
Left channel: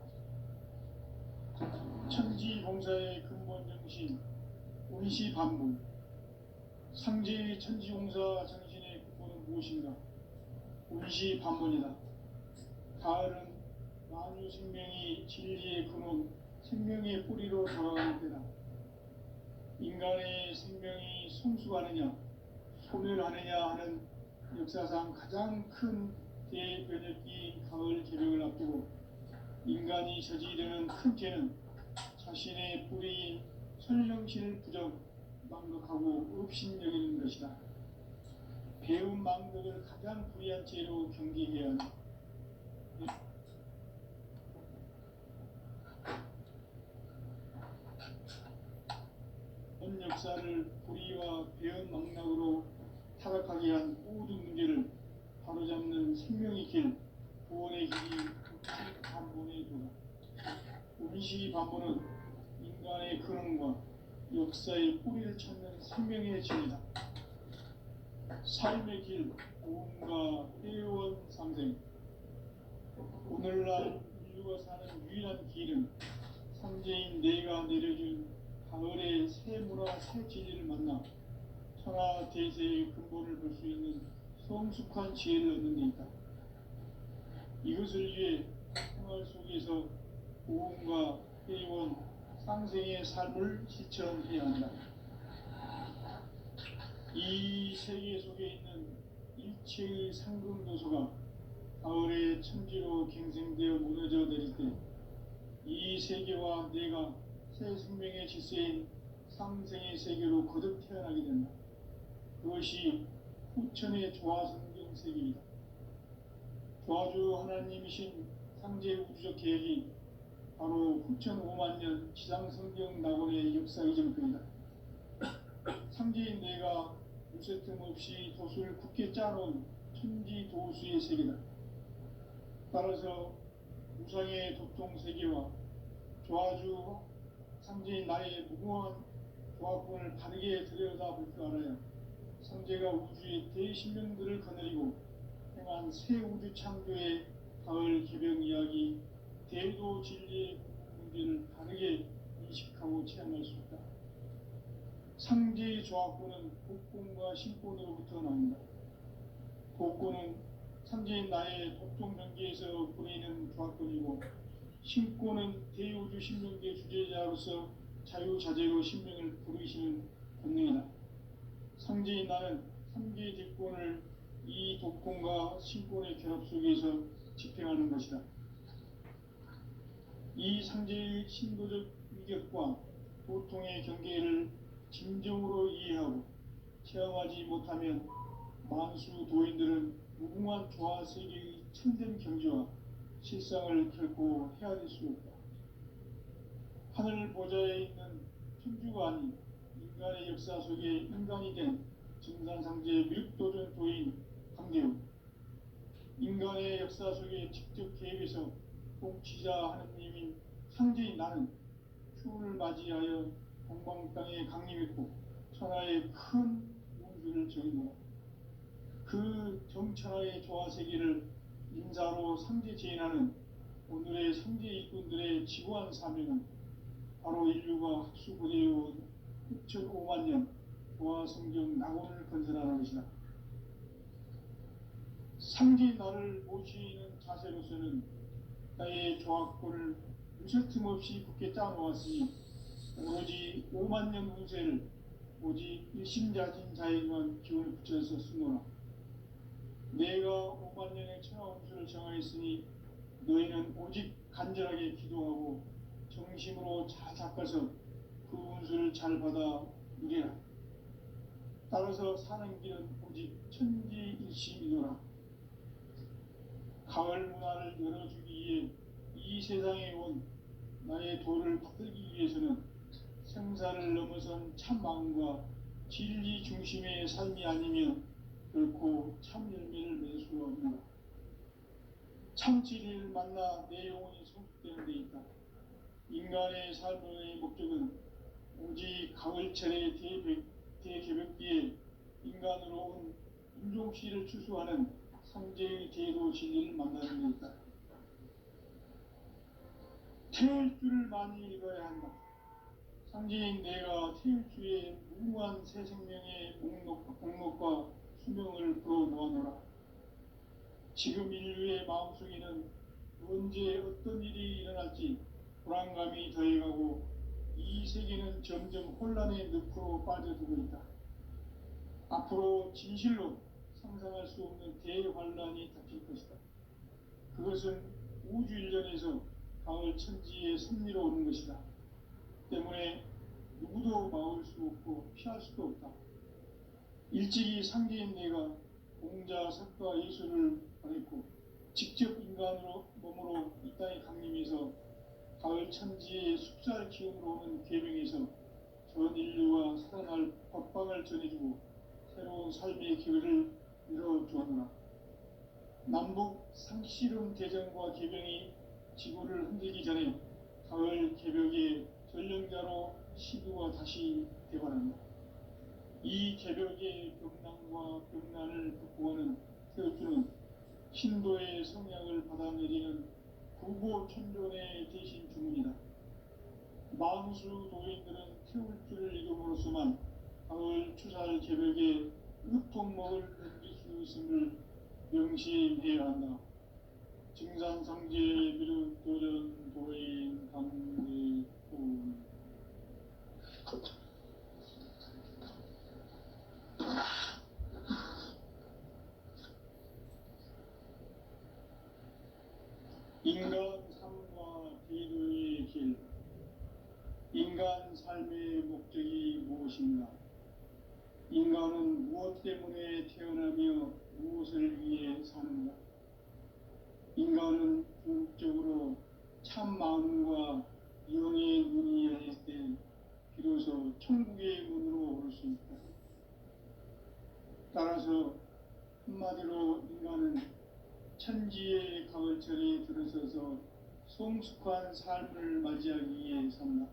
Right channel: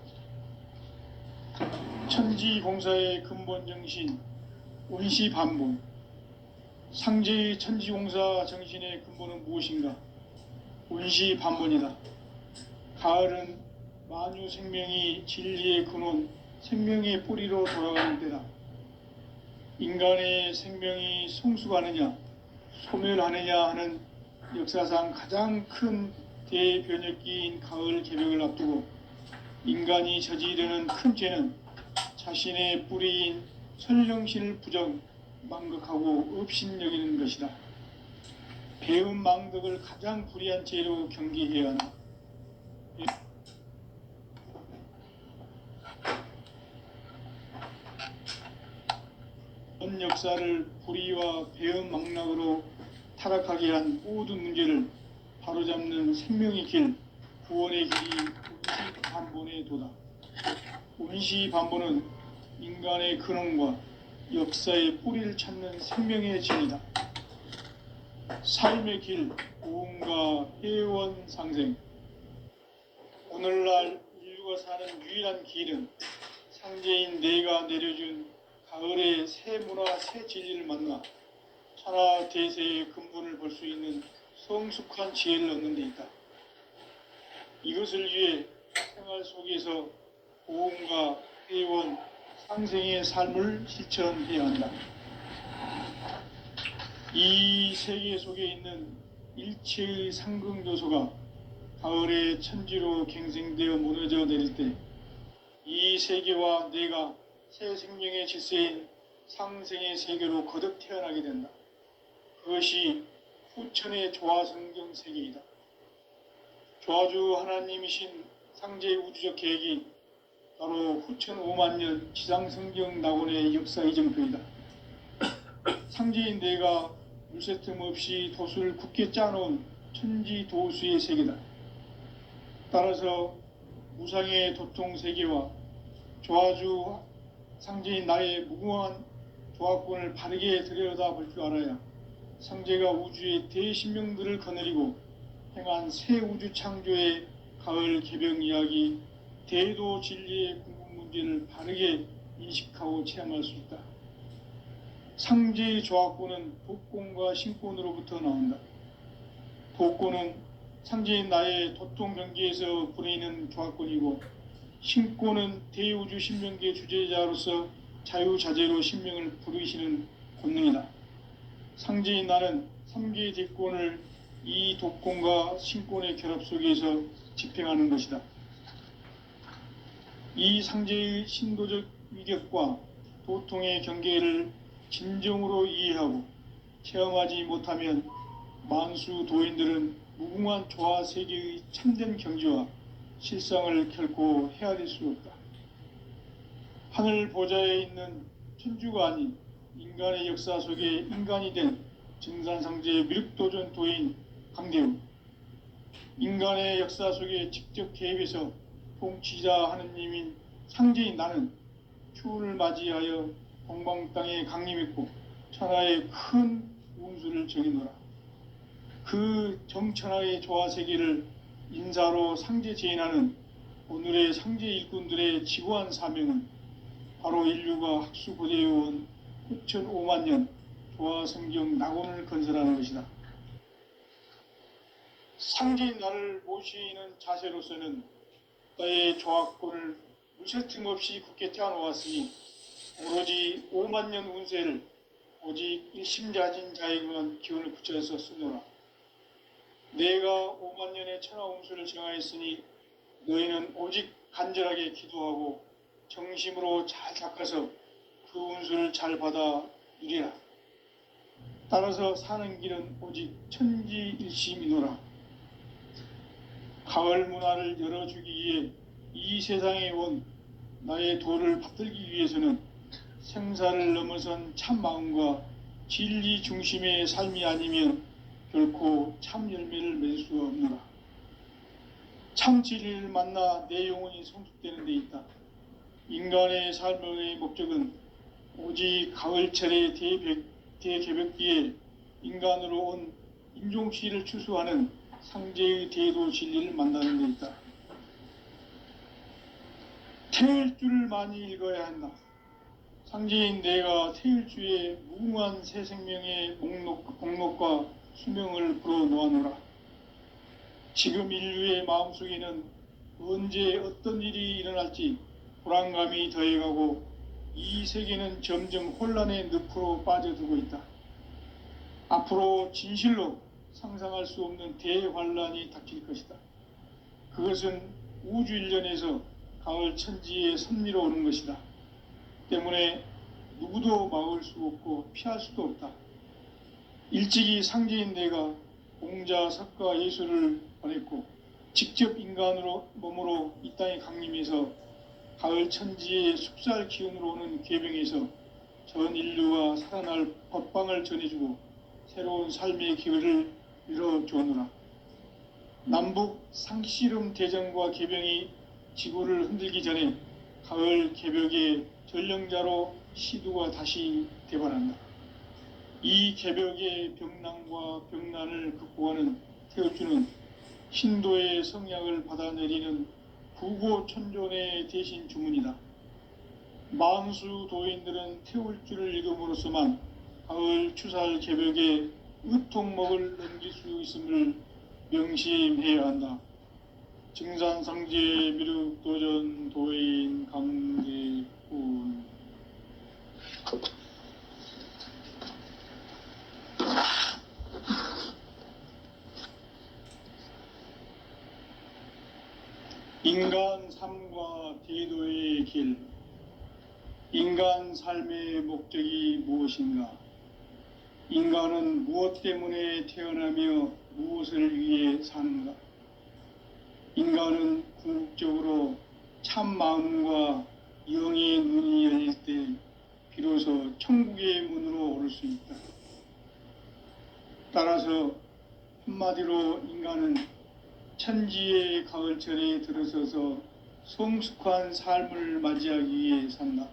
천지공사의 근본 정신 원시반복, 상제의 천지공사 정신의 근본은 무엇인가? 원시반복이다. 가을은 만유 생명이 진리의 근원, 생명의 뿌리로 돌아가는 때다. 인간의 생명이 성숙하느냐, 소멸하느냐 하는 역사상 가장 큰 대변혁기인 가을 개벽을 앞두고 인간이 저지르는 큰 죄는 자신의 뿌리인 선령신을 부정, 망각하고 업신여기는 것이다. 배은 망덕을 가장 불의한 죄로 경계해야 한다. 전 역사를 불의와 배은 망락으로 타락하게 한 모든 문제를 바로잡는 생명의 길, 구원의 길이 운시반본의 도다. 운시반본은 인간의 근원과 역사의 뿌리를 찾는 생명의 진이다. 삶의 길, 고음과 회원 상생. 오늘날 인류가 사는 유일한 길은 상제인 내가 내려준 가을의 새 문화, 새 진리를 만나 천하 대세의 근본을 볼 수 있는 성숙한 지혜를 얻는 데 있다. 이것을 위해 생활 속에서 고음과 회원, 상생의 삶을 실천해야 한다. 이 세계 속에 있는 일체의 상극 요소가 가을의 천지로 갱생되어 무너져 내릴 때 이 세계와 내가 새 생명의 질서인 상생의 세계로 거듭 태어나게 된다. 그것이 후천의 조화성경 세계이다. 조화주 하나님이신 상제 우주적 계획이 바로 후천 5만 년 지상성경 낙원의 역사 이정표이다. 상제인 내가 물새 틈 없이 도수를 굳게 짜놓은 천지 도수의 세계다. 따라서 무상의 도통 세계와 조화주 상제인 나의 무궁한 조화권을 바르게 들여다볼 줄 알아야 상제가 우주의 대신명들을 거느리고 행한 새 우주 창조의 가을 개벽 이야기, 대도 진리의 궁극 문제를 바르게 인식하고 체험할 수 있다. 상제의 조화권은 복권과 신권으로부터 나온다. 복권은 상제인 나의 도통 경계에서 부리는 조화권이고, 신권은 대우주 신명계 주제자로서 자유자재로 신명을 부르시는 권능이다. 상제인 나는 3개의 대권을 이 독권과 신권의 결합 속에서 집행하는 것이다. 이 상제의 신도적 위격과 도통의 경계를 진정으로 이해하고 체험하지 못하면 만수 도인들은 무궁한 조화 세계의 참된 경지와 실상을 결코 헤아릴 수 없다. 하늘 보좌에 있는 천주가 아닌 인간의 역사 속에 인간이 된 증산상제의 미륵도전 도인 강대우, 인간의 역사 속에 직접 개입해서 통치자 하느님인 상제인 나는 추운을 맞이하여 동방 땅에 강림했고 천하의 큰 운수를 정해놓으라. 그 정천하의 조화세계를 인사로 상제 제인하는 오늘의 상제 일꾼들의 지고한 사명은 바로 인류가 학수고대해온 후천 5만 년 조화성경 낙원을 건설하는 것이다. 상제인 나를 모시는 자세로서는 나의 조화권을 무쇠틈 없이 굳게 짜놓았으니 오로지 5만 년 운세를 오직 일심자진 자에게만 기운을 붙여서 쓰노라. 내가 5만 년의 천하 운수를 정하였으니 너희는 오직 간절하게 기도하고 정심으로 잘 닦아서 그 운수를 잘 받아 누리라. 따라서 사는 길은 오직 천지일심이노라. 가을 문화를 열어주기 위해 이 세상에 온 나의 도를 받들기 위해서는 생사를 넘어선 참 마음과 진리 중심의 삶이 아니면 결코 참 열매를 맺을 수 없노라. 참 진리를 만나 내 영혼이 성숙되는 데 있다. 인간의 삶의 목적은 오직 가을철의 대개벽기에 인간으로 온 인종시를 추수하는 상제의 대도 진리를 만나는 데 있다. 태일주를 많이 읽어야 한다. 상제인 내가 태일주의 무궁한 새 생명의 목록과 수명을 불어놓아노라. 지금 인류의 마음속에는 언제 어떤 일이 일어날지 불안감이 더해가고 이 세계는 점점 혼란의 늪으로 빠져들고 있다. 앞으로 진실로 상상할 수 없는 대환란이 닥칠 것이다. 그것은 우주 일련에서 가을 천지의 섭리로 오는 것이다. 때문에 누구도 막을 수 없고 피할 수도 없다. 일찍이 상제인 내가 공자, 석가, 예수를 보냈고 직접 인간으로 몸으로 이 땅에 강림해서 가을 천지의 숲살 기운으로 오는 계병에서 전 인류가 살아날 법방을 전해주고 새로운 삶의 기회를 열어주었노라. 남북 상씨름 대전과 계병이 지구를 흔들기 전에 가을 개벽의 전령자로 시두가 다시 대발한다. 이 개벽의 병난과 병난을 극복하는 태울주는 신도의 성약을 받아내리는 구고천존의 대신 주문이다. 만수 도인들은 태울주를 읽음으로써만 가을 추살 개벽의 의통목을 넘길 수 있음을 명심해야 한다. 증산상제 미륵도전 도인 강대훈. 인간 삶과 대도의 길. 인간 삶의 목적이 무엇인가? 인간은 무엇 때문에 태어나며 무엇을 위해 사는가? 인간은 궁극적으로 참 마음과 영의 눈이 열릴 때 비로소 천국의 문으로 오를 수 있다. 따라서 한마디로 인간은 천지의 가을철에 들어서서 성숙한 삶을 맞이하기 위해 산다.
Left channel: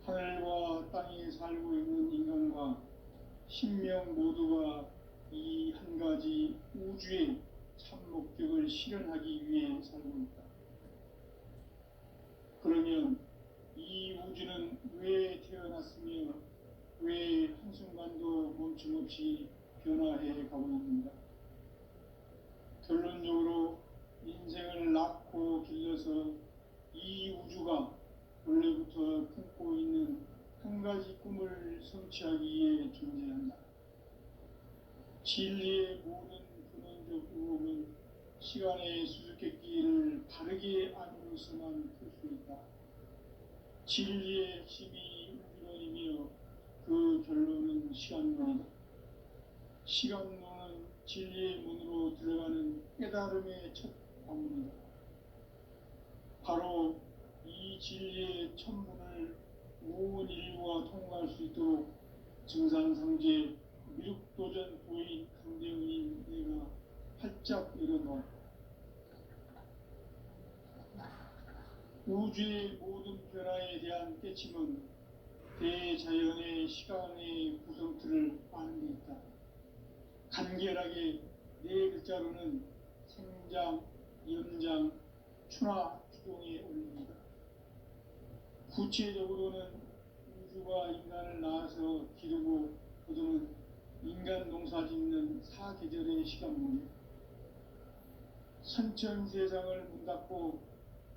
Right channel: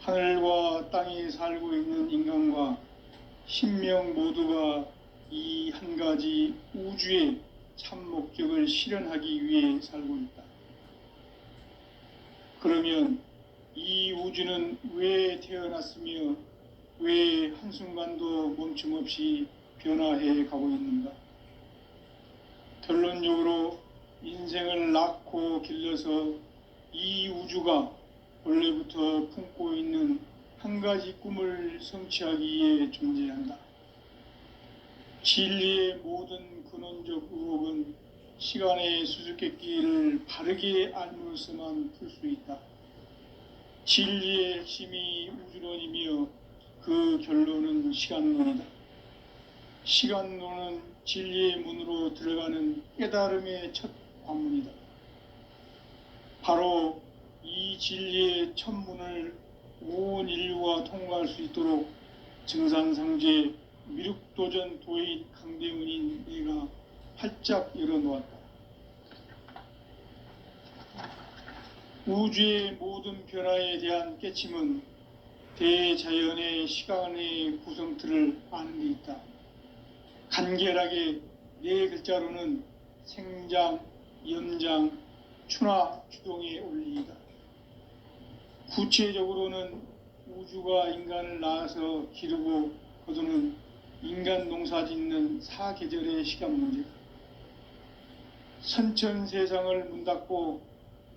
하늘과 땅에 살고 있는 인간과 신명 모두가 이 한 가지 우주의 참 목적을 실현하기 위해 살고 있다. 그러면 이 우주는 왜 태어났으며 왜 한순간도 멈춤 없이 변화해 가고 있는가? 결론적으로 인생을 낳고 길러서 이 우주가 원래부터 품고 있는 한 가지 꿈을 성취하기 위해 존재한다. 진리의 모든 근원적 의혹은 시간의 수수께끼를 바르게 알므로서만 풀 수 있다. 진리의 핵심이 우주론이며 그 결론은 시간론이다. 시간론은 진리의 문으로 들어가는 깨달음의 첫 관문이다. 바로 이 진리의 첫 문을 온 인류가 통과할 수 있도록 증산상제 미륵도전 도인 강대훈인 내가 활짝 열어놓았다. 우주의 모든 변화에 대한 깨침은 대자연의 시간의 구성틀을 아는 데 있다. 간결하게 네 글자로는 생장, 연장, 추나 추동의 원리이다. 구체적으로는 우주가 인간을 낳아서 기르고 거두는 인간 농사 짓는 사계절의 시간 문제다. 선천 세상을 문 닫고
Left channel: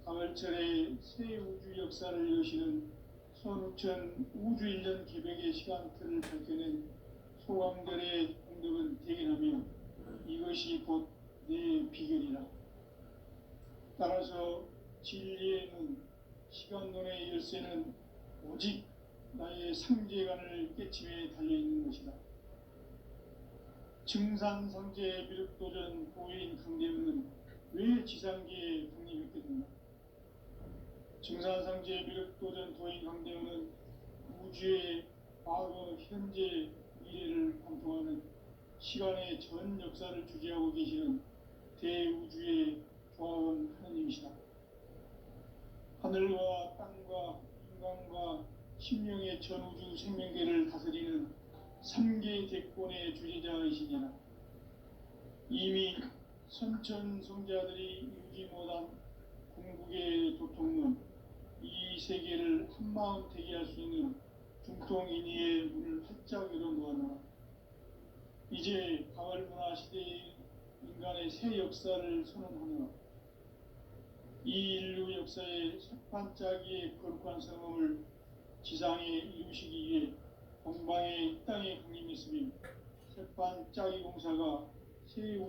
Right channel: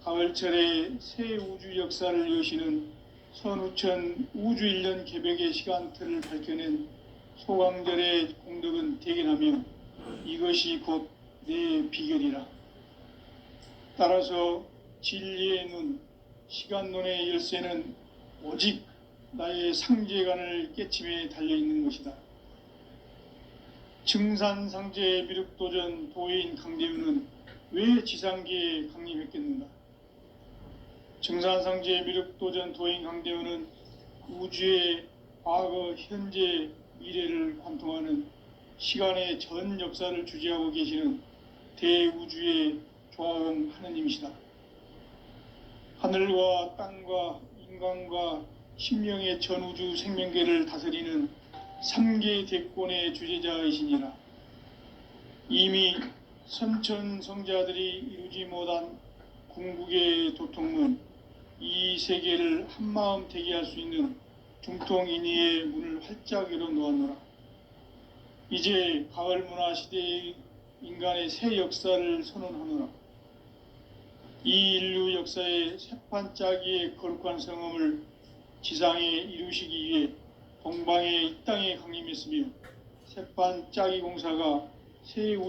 가을철에 새 우주 역사를 여시는 선우천 우주 일년 개벽의 시간틀을 밝혀낸 소강절의 공덕은 대견하며 이것이 곧 내 비결이라. 따라서 진리의 눈, 시간론의 열쇠는 오직 나의 상제관을 깨침에 달려있는 것이다. 증산상제 미륵도전 도인 강대훈은 왜 지상계에 강림했겠는가? 증산상제 미륵도전 도인 강대훈은 우주의 과거, 현재, 미래를 관통하는 시간의 전 역사를 주재하고 계시는 대우주의 조화원 하느님이시다. 하늘과 땅과 인간과 신명의 전우주 생명계를 다스리는 3계 대권의 주재자이시니라. 이미 선천성자들이 이루지 못한 궁극의 도통문, 이 세계를 한마음 되게 할 수 있는 중통인의의 문을 활짝 열어놓았노라. 이제 가을 문화 시대의 인간의 새 역사를 선언하노라. 이 인류 역사의 새판짜기의 거룩한 성험을 지상에 이루시기 위해 동방의 이 땅에 강림했으며 새판 짜기 공사가 새